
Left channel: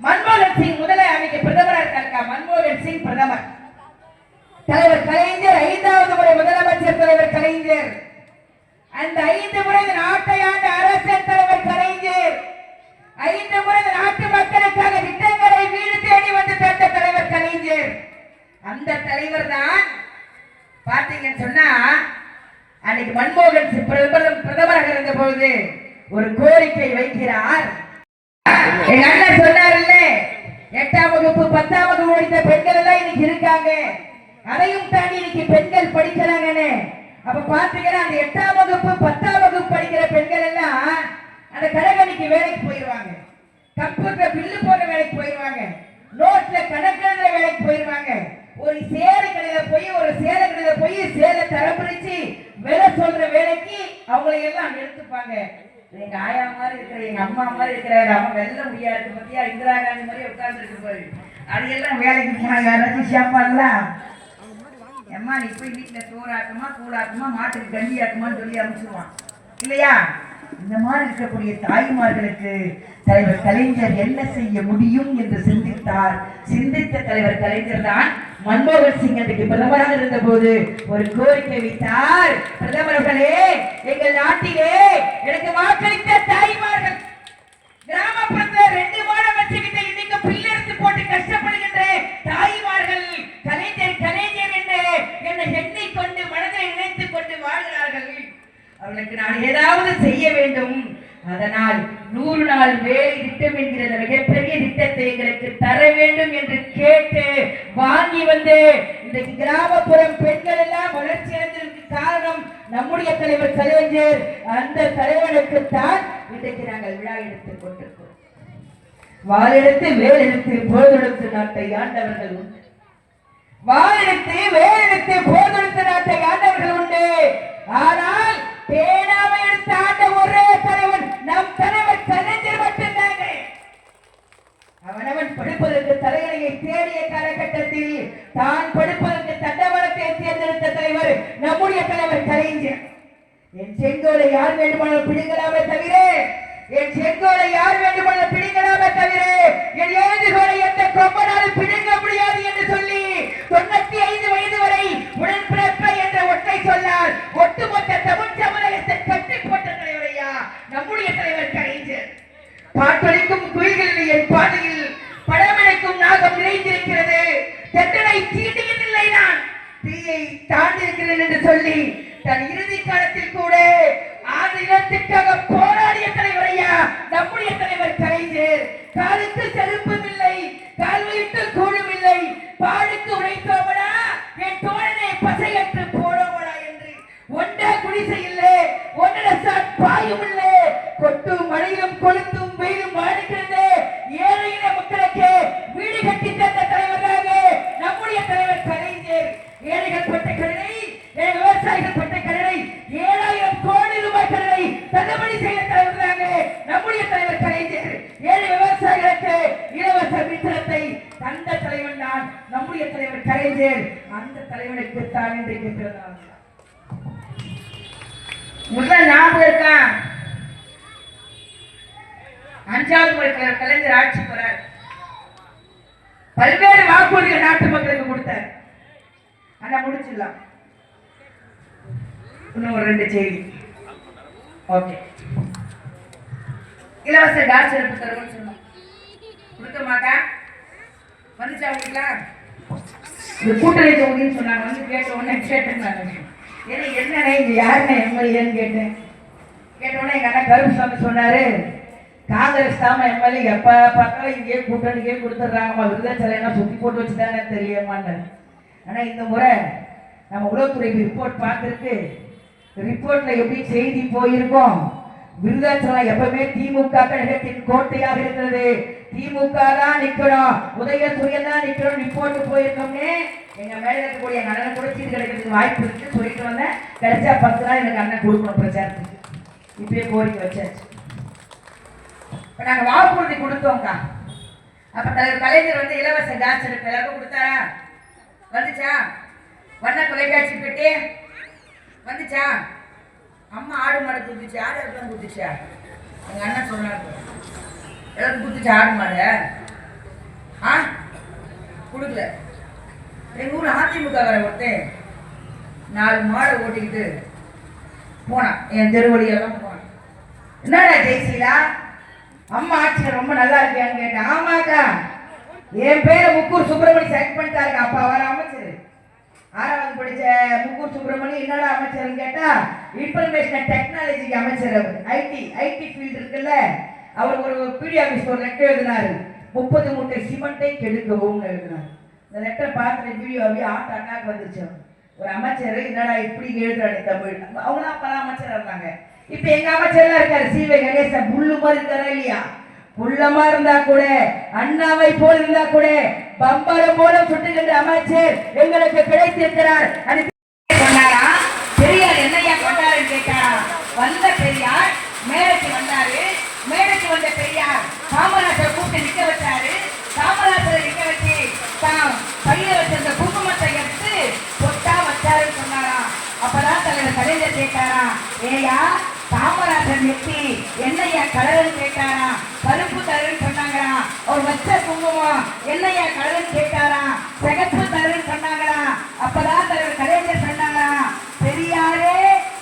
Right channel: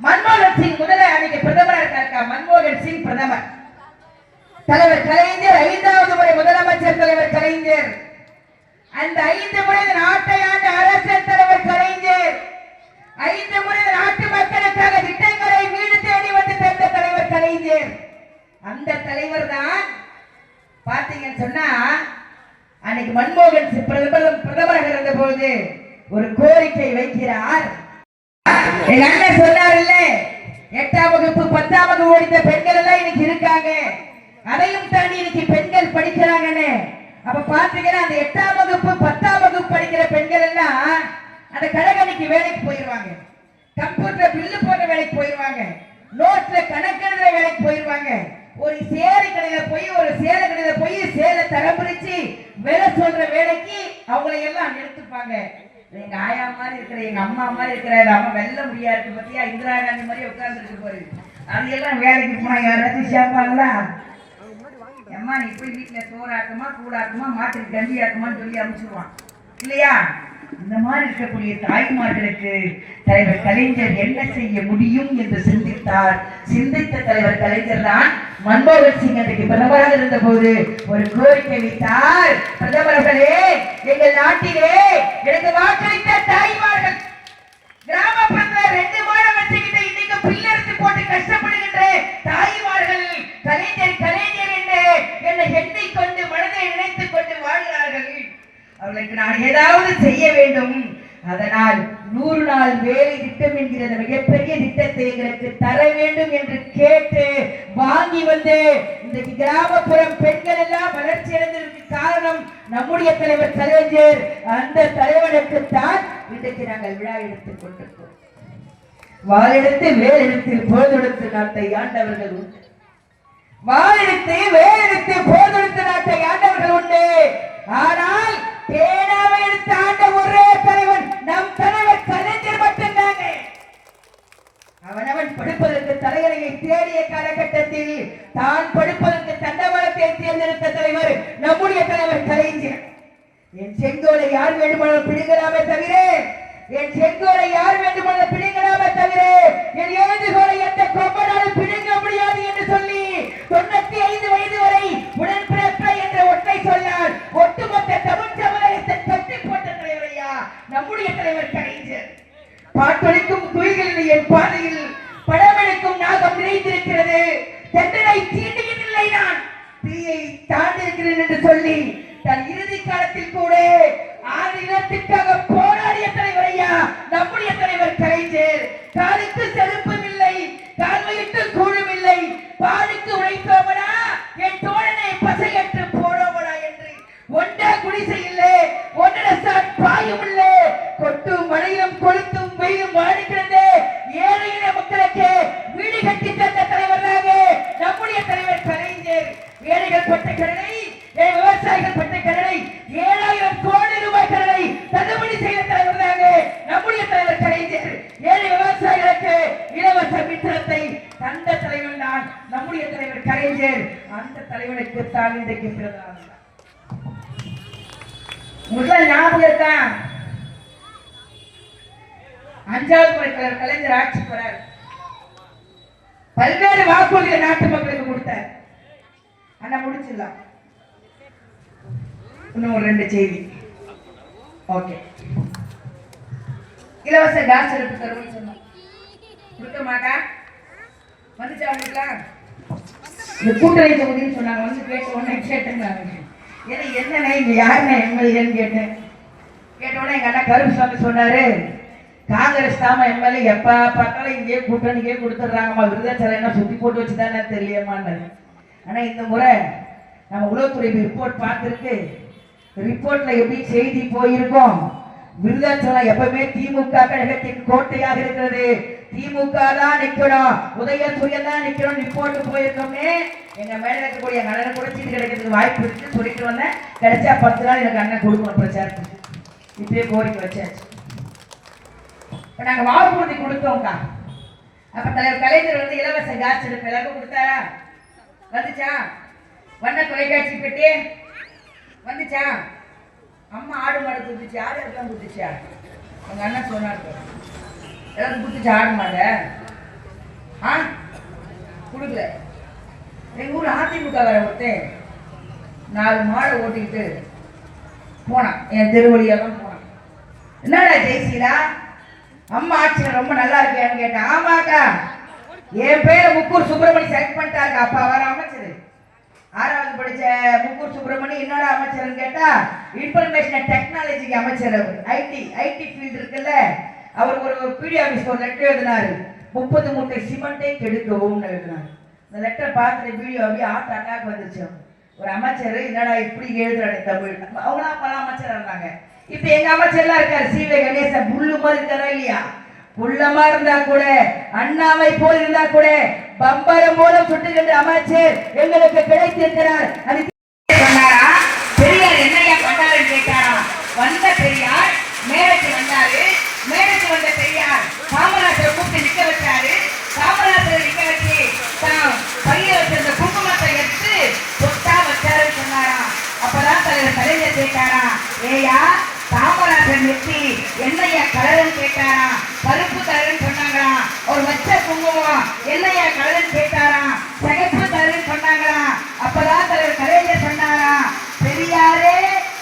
மன்மோகன் சிங் முதல்ல அன்னைக்கு பிரதமரா இருக்காருக்கா, மன்மோகன் சிங் பிரதமர், தலைவர் கலைஞர் 5வது முறை முதலமைச்சர் தலைவர் கலைஞர், அந்த 5 முறை நாட்டை ஆண்ட அரசியல் தலைவர் கலைஞர், 5 முறை நாட்டு மக்களுக்காக திட்டங்களை வீடு தேடி வந்து தந்த தலைவர் கலைஞர். அந்த தலைவர் தான் பாத்தீங்கன்னு சொன்னா அன்னைக்கு மன்மோகன் சிங் பிரதமராக இருந்த பொழுது ஒரு கோரிக்கை வைக்கிறார். எங்க அண்ணன் சொன்னார் இல்ல, 8ஆம் வகுப்பு 10ஆம் வகுப்பு முடித்த பெண்கள் எல்லாம் இன்னைக்கு இருக்காங்க. அதையும் தாண்டி இன்னைக்கு பெண்கள் படிக்கிறாங்கன்னு அப்ப பாத்தீங்கன்னா அந்த 8ஆம் வகுப்பு 10ஆம் வகுப்பு படிக்கிற பெண்கள் எல்லாம் அந்த கடைகணிக்கு வேலைக்கு போயிருவாங்க, கம்ப்யூட்டர் பில்லு போடுற வேலைக்கு போயிருவாங்க, நோட்ல கணக்கெழுதுற வேலைக்கு போயிருவாங்க. ஒரு சேலை கடையில போய் சேலை தரம் பிரிச்சு வேலை சொல்ற வேலைக்கு அவங்களை எல்லாம் நிறுத்துப்பாங்க. எங்க ஆயா மாதிரி இருக்கிற, எங்க அம்மா மாதிரி இருக்கிற, அம்மா வெள்ள முடியா இருக்கு பத்தியா, இந்திரா காந்தி மாதிரி உட்கார்ந்து இருக்கு பாரு, அது எல்லாம் வேலைக்கு போனாங்க. யாராச்சும் சேர்ப்பாங்களா? அம்மா நீ போய் வீட்டுல சோறாக்குமா கூழாக்குமா மாட்டுக்கு கஞ்சி ஆக்குமான்னு சொல்லி அனுப்பிச்சிடுவான் இல்லையா? இந்த மாதிரி இருக்கக்கூடிய தாய்மார்களுக்கு தலைவர் கலைஞர் என்ன செய்ய முடியும் என்று சிந்தித்தார். சிந்தித்த தலைவர் கலைஞர் தான் மன்மோகன் சிங் அன்றைக்கு பிரதமராக இருந்த போது ஒரு கோரிக்கை வைத்தார். பிரதமர் அவர்களே, எங்கள் நாட்டிலே எனக்கு வாக்களித்த தாய்மார்கள் கிராமப்புறத்துல 2 மாடம் வச்சுக்கிட்டு இன்னைக்கு பிள்ளை எடுத்து போட்டு கஷ்டப்படுகின்ற தாய்மார்கள் கலைஞர் கலைஞர் என்று என்னை எண்ணிக் கொண்டு மனதை நினைத்துக் கொண்டு வாழ்கிறார்கள். அவர்களுக்கு நான் ஏதாவது செய்ய வேண்டும். அதனால் 100 நாள் வேலை திட்டம் என்கிற மிகப்பெரிய திட்டத்தை எங்களுக்கு தர வேண்டும் என்று கேட்டு வாங்கி வந்து இந்த கிராமப்புறம் பெண்கள் எல்லாம் வளர்ச்சி அடைந்ததற்கு காரணம் நம்முடைய தலைவர் கலைஞர். அந்த தலைவனுக்கு தான் இன்றைக்கு நாங்கள் விழா எடுத்துக் கொண்டிருக்கிறோம். வாளெடுத்து வேலெடுத்து போதெடுத்து நாட்டை ஆண்டவர்கள் உண்டு. வாளெடுத்து வேலெடுத்து போதெடுத்து நாட்டை ஆண்டவர்கள் உண்டு. ஆனால் பேனாவை எடுத்து ஆண்ட ஒரே தலைவன் நம் தலைவர் கலைஞர் மட்டும்தாங்க. அவனவன் படிப்பதற்கு தலைவனையை தேடிய காலகட்டத்தில் தான் படிப்பதற்கு தண்டவாளத்தை தேர்ந்தெடுத்த தலைவர் நம்முடைய தலைவர் கலைஞர். என் செங்கோலை யார் வேண்டுமானாலும் பிடிங்கலாமே தவிர, என் செங்கோலை யார் வேண்டுமானாலும் பிடிங்கலாமே தவிர, என் எழுதுகோலை எந்த கொம்பனாலும் பிடிங்க முடியாது என்று சொல்லி 95 வயது வரை உடன்பிறப்ப என்ற ஒற்றை சொல்லால் ஒட்டுமொத்த தமிழ் சமுதாயத்தை கட்டி போட்ட தலைவரையா நம்முடைய தலைவர் கலைஞர். பாட்டொலிக்கும் குயில்களில் என் பாதையில் படமெடுக்கும் நாகம் நிறைந்திருக்கிறது, தண்டனை தீண்டுவதில்லை, நான் தீயை தாண்டிருக்கிறேன் என்று சொல்லி தன் இறுதி காலத்தில் கூட ஆதினத்திற்காக போராடிய தலைவரையா நம்முடைய தலைவர் கலைஞர். காலுக்கு செருப்பும் இல்லை, கால்வைக்கு கூழும் இல்லை, பாலுக்கு உழைத்தோமடா என் தோழனை பசையற்று போனோமடா என்று ஒன்றா குடிசை இல்லை, ஒன்றரை பாயும் இல்லை, கொட்டும் மழையும் கொளுத்தும் வெயிலும் வாழ்கிறது ஏழையின மக்களுக்கு வீடு கட்டி தந்த தலைவராக நம்முடைய தலைவர் கலைஞர். ஏழைகள் பட்ட கடனை, விவசாயிகள் பட்ட கடனை 7000 கோடி ரூபாய் கடனை தள்ளுபடி செய்த தலைவராக நம்முடைய தலைவர் கலைஞர். ஏழை விவசாயிகளுக்கு இலவச மின்சாரத்தை தந்த தலைவர் தான் நம்முடைய தலைவர் கலைஞர். அந்த தலைவனுக்கு தான் இன்றைக்கு பிறந்தார். முதல்ல ஞாபகம் இருக்கா? 5வது முறை கலைஞர் ஆட்சி பெறார். பல்வேறு வாக்குறுதிகள் நாட்டு மக்களுக்கு கொடுத்தார். ஆனா முடிச்சிடலாம். இன்னும் ஒரு 2 செய்தி. ஓகே, இலவச கேஸ் அடுப்பு தருவோம்னு சொன்னோம், கொடுக்க மாட்டா வந்துச்சா அவங்களுக்குலாம்? இந்த கூட்டணி தொகுதின்னு சொன்னாங்க. வந்து கேட்ட உடனே கேட்டேன், என்னண்ணே இங்க யாருண்ணே எம்எல்ஏன்னு கேட்டேன். கேட்டோடனே எங்க அண்ணா கருப்புசாமி சொன்னாரு, காங்கிரஸ் தாம எம்எல்ஏ எப்ப பார்த்தாலும் இங்கே கூட்டணிக்கே கொடுத்துட்றாங்கம்மா, விருதாச்சலம் என்ன சுத்தி போட்டு வச்சுதானே தெரியலையம்மான்னு. ஆனா இந்த முறை நம்ம உளவுத்துறை ரிப்போர்ட் பார்த்துருக்கு. ரிப்போர்ட்ல எப்படி செய்தி போயிருக்கோம், விருதாச்சலம் எப்பவுமே திமுக கழகத்தின் கோட்டையாக இருக்கிறது, திமுக தான் நிக்கணும், உதயசூரியன் தான் நிக்கணும் ரிப்போர்ட் போயிருக்கோம்னு எங்க மேல இருக்கக்கூடிய அண்ணன் கூட சீட்டு கிடைக்கிறதுக்கு வாய்ப்பு இருக்கு சொல்லிட்டு வந்தேன். கிடைச்சா 10 நாள் எனக்கு அண்ணன் கொடுக்கணும் பிரச்சாரத்துக்கு. இப்பயே கோரிக்கை வச்சாச்சு. இப்ப நாங்க வாக்குறுதி கொடுத்தோம்க்கா. அப்ப தலைவர் கலைஞர் வந்து இலவச கேஸ் அடுப்பு எல்லாருக்கும் கொடுத்தாரா? வந்துச்சா? வண்ண தொலைக்காட்சி பெட்டி வந்துச்சா? அம்மா ஆடு மாடு கொடுத்துச்சு, ஆடு எல்லாம் கொடுத்துச்சா? எங்க அண்ணன் சொன்னாரு எல்லாரும் கொடுத்துச்சா ஆடு மாடு? கொடுக்கல. எங்க ஊர்ல அதிமுக வர ஒருத்தன் 4 மாடை ஓட்டிக்கிட்டு போனான், என் தெருவழியெல்லாம் போனான். என்னடா ஜெயசீலா அம்மா ஆட்சியில் ரொம்ப நல்லா இருக்கியான்னு கேட்டேன். ஆமாக்கா, என் பேரை முக்கூர் சுப்பிரமணி செலக்ட் பண்ணிட்டாருங்க. அப்பா வர அமைச்சர் 6வது படிச்ச முக்கூர் சுப்பிரமணி என்னடா அமைச்சர்னு கேட்டா இன்ஃபர்மேஷன் டெக்னாலஜிக்கு அமைச்சர். அவர் ஐடி ஃபீல்டு இருக்குல்ல, அவர் ஒரு பிடி ஆஃபீஸ் ஒரு லெட்டர் எழுதினாரு, 30 மூட்டை சிமெண்டை கெடுக்கவும் எழுதுனாங்க. இந்த லெட்டர் பார்த்துட்டு வீடியோ அப்படியே அட்டாக் வந்துருச்சு. ஒரு அமைச்சர் என்னடா இப்படி எழுதுறானே தமிழ். அவங்களாம் பல அமைச்சர் இருந்தாங்க. இப்ப எங்க அமைச்சர்லாம் இருக்காரு சீவை கணேசன், புல்லு மாதிரி இருக்காரா இல்லையா? புள்ளமா இருந்தா கூட, அண்ணாவை போல் இருந்தா கூட, பம்பரம் மூலம் சுட்டுகின்ற அமைச்சர் எங்களுக்கு கிடைத்திருக்கிறார். அது சொன்னாரா? பெரியார் என்னையா கொண்டாருன்னு கேட்டாரா? வந்த பெரியார் மேடைக்கு வந்தாரு. மேடைக்கு வந்த பெரியார் காமராஜரை கூப்பிட்டு நிக்க வச்சாரு. காமராஜரை நிக்க வச்சு தான் பையில வச்சிருந்த குங்குமத்தை எடுத்து பொட்டா வச்சாருன்னு சொன்னாரா? அப்பதான் தலைவர் கலைஞர் கேட்டாரா, ஏயா காமராஜர் நெத்தி என்னையா கலருன்னு கேட்டாரா? கருப்பு கலருன்னு சொன்னாங்களா? ஒரு வச்ச குங்குமம் என்னையா கலருன்னு கேட்டாரா? சிகப்பு கலருன்னு சொன்னாங்களா? அப்பதான் தலைவர் கலைஞர் சொன்னாரா, பெரியாரே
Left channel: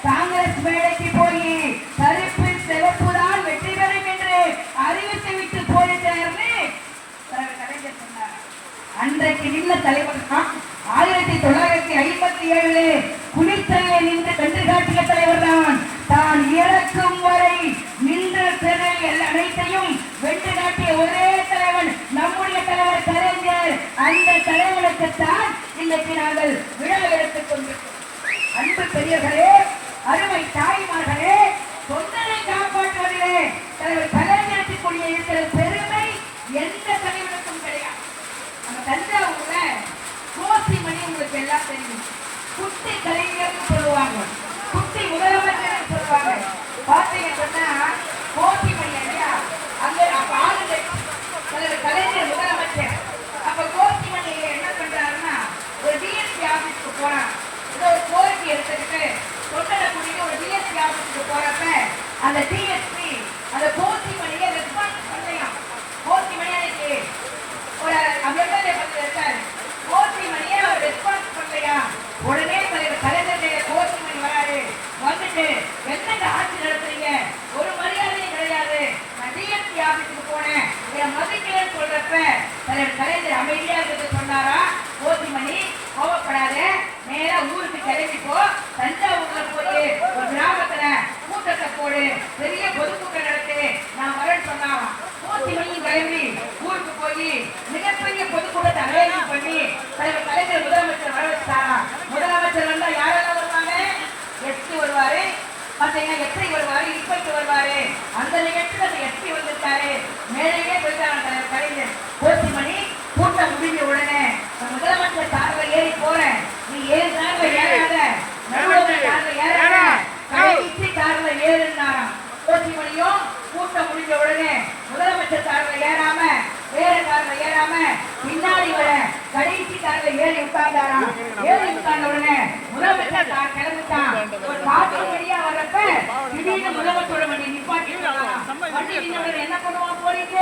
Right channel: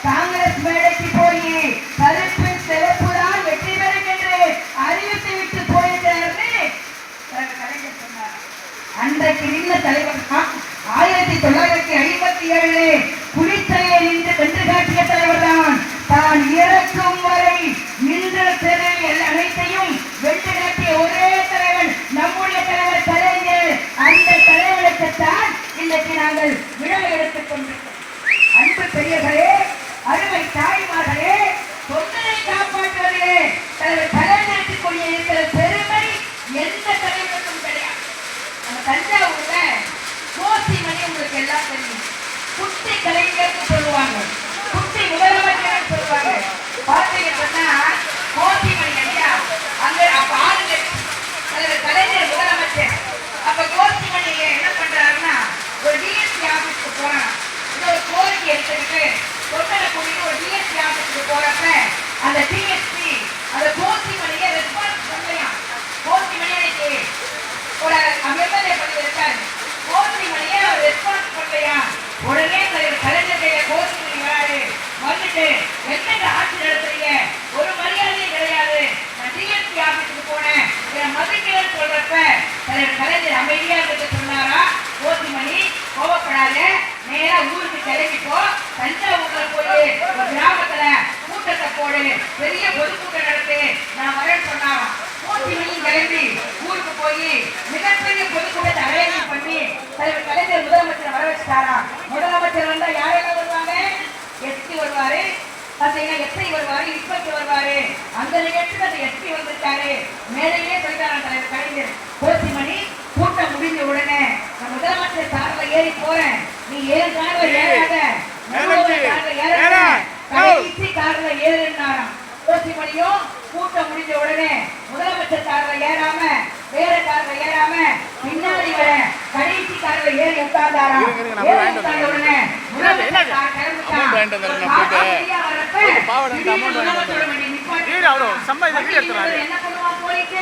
காங்கிரஸ் மேடைக்கு போய் கருப்பு சிறப்பு தான் வெற்றி பெறும் என்று அறிவித்து விட்டு போயிட்டாருன்னு தலைவர் கலைஞர் சொன்னாரா? அன்றைக்கு நின்ற தலைவர் 1957 குளித்தலையை நின்று கண்டு காட்டிய தலைவர் தான். தான் இறக்கும் வரை நின்ற திறன் அனைத்தையும் வென்று காட்டிய ஒரே தலைவன் நம்முடைய தலைவர் கலைஞர். அந்த தலைவனுக்குத்தான் இன்றைக்கு நாங்கள் விழா எடுத்துக் கொண்டிருக்கிறோம். அன்பு பெரியவர்களே, அருமை தாய்மார்களே, தொண்டரை காப்பாற்றுவதிலே தலைவர் கலைஞருக்கு கொண்டு இருக்கிற பெருமை எந்த தலைவனுக்கும் கிடையாது. நம்ம தஞ்சாவூர்ல கோசிமணி உங்களுக்கு எல்லாம் தெரியும். குட்டி கலைஞர்னு சொல்லுவாங்க, குட்டி முதலமைச்சர் சொல்லுவாங்க. பாத்தீங்க சொன்னா கோசிமணி ஐயா அங்க அப்ப ஆளுங்க தலைவர் கலைஞர் முதலமைச்சர். அப்ப கோசிமணி என்ன பண்றாருன்னா ஒரு டிஎஸ்பி ஆபீஸ்க்கு போறாங்க. ஒரு கோரிக்கை எடுத்துக்கிட்டு தொண்டரை கூட்டிட்டு ஒரு டிஎஸ்பி ஆபீஸ்க்கு போறப்ப அந்த டிஎஸ்பி அந்த கோசிமணியை ரெஸ்பான்ஸ் பண்ணலையாம். கோசிமணி அன்னைக்கு ஒரு எம்எல்ஏ பண்ணி இருக்காரு. கோசிமணியை அவர் ரெஸ்பான்ஸ் பண்ணலையா? உடனே தலைவர் கலைஞர் கோசிமணி வராரு. வந்துட்டு என்னங்க ஆட்சி நடத்துறீங்க? ஒரு மரியாதையும் கிடையாது. நான் டிஎஸ்பி ஆபீஸுக்கு போனேன், என் மதிக்கிறேன்னு சொல்றப்ப தலைவர் கலைஞர் அமைதியா இருக்க சொன்னாரா? கோசிமணி கோவப்படாத, நேரா ஊருக்கு கிளம்பிப்போ, தஞ்சாவூர்ல போய் ஒரு கிராமத்துல கூட்டத்தை போடு, பெரிய பொதுக்கூட்டம் நடத்து, நான் வரேன்னு சொன்னாராம். கோசிமணியும் கிளம்பி ஊருக்கு போய் மிகப்பெரிய பொதுக்கூட்டத்தை அரேஞ்ச் பண்ணி தலைவர் கலைஞர் முதலமைச்சர் வர வச்சுட்டாராம். முதலமைச்சர் வந்தா யாரெல்லாம் வருவாங்க? எஸ்பி வருவாரு, பாத்தீங்கன்னா எஸ்ஐ வருவாரு, இன்ஸ்பெக்டர் வருவாரு. அந்த நிகழ்ச்சியில் அந்த எஸ்பி வந்துட்டாரு. மேலேயே சொல்லிட்டாராம் தலைவர் கலைஞர். கோசிமணி கூட்டம் முடிஞ்ச உடனே நான் முதலமைச்சர் கார்ல ஏறி போறேன், நீ ஏன் கார்ல ஏறாத, நடுவர் கார்ல ஏறாத, கடைசி கார்ல ஏறுனாராம். கோசிமணியும் கூட்டம் முடிஞ்ச உடனே முதலமைச்சர் கார்ல ஏறாம வேற கார்ல ஏறாம பின்னாடி வர கடைசி கார்ல ஏறி உட்கார்ந்தாராம். ஏறி உட்கார்ந்த உடனே முதலமைச்சர் கார் கிளம்பிட்டான். வரப்ப திடீர்னு முதலமைச்சரோட நிப்பாட்டி என்ன பண்ணுவான் போலீஸ்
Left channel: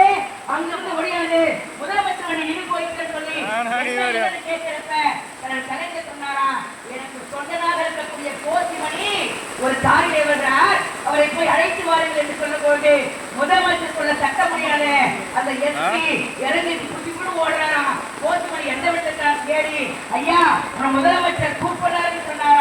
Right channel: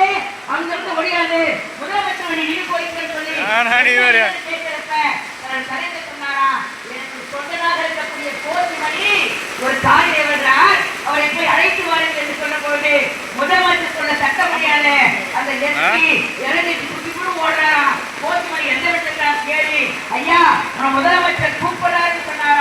அங்கிருந்து முடியாது, முதலமைச்சர் வண்டி நின்று போயிருக்கேன்னு சொல்லி கேட்கிறப்ப கலைஞர் சொன்னாரா, எனக்கு சொந்தனாக இருக்கக்கூடிய கோசிமணி ஒரு தாயை விடுறார், அவரை போய் அழைத்து வாருங்கள் என்று சொன்ன போது முதலமைச்சர் சொன்ன சட்ட முடியாத அந்த எஸ்பி இறங்கிட்டு குட்டி கூட ஓடுறாராம். கோசிமணி எந்த விட்டு கேள்வி, ஐயா உன முதலமைச்சர் கூப்பிடுறாருன்னு சொன்னாரா?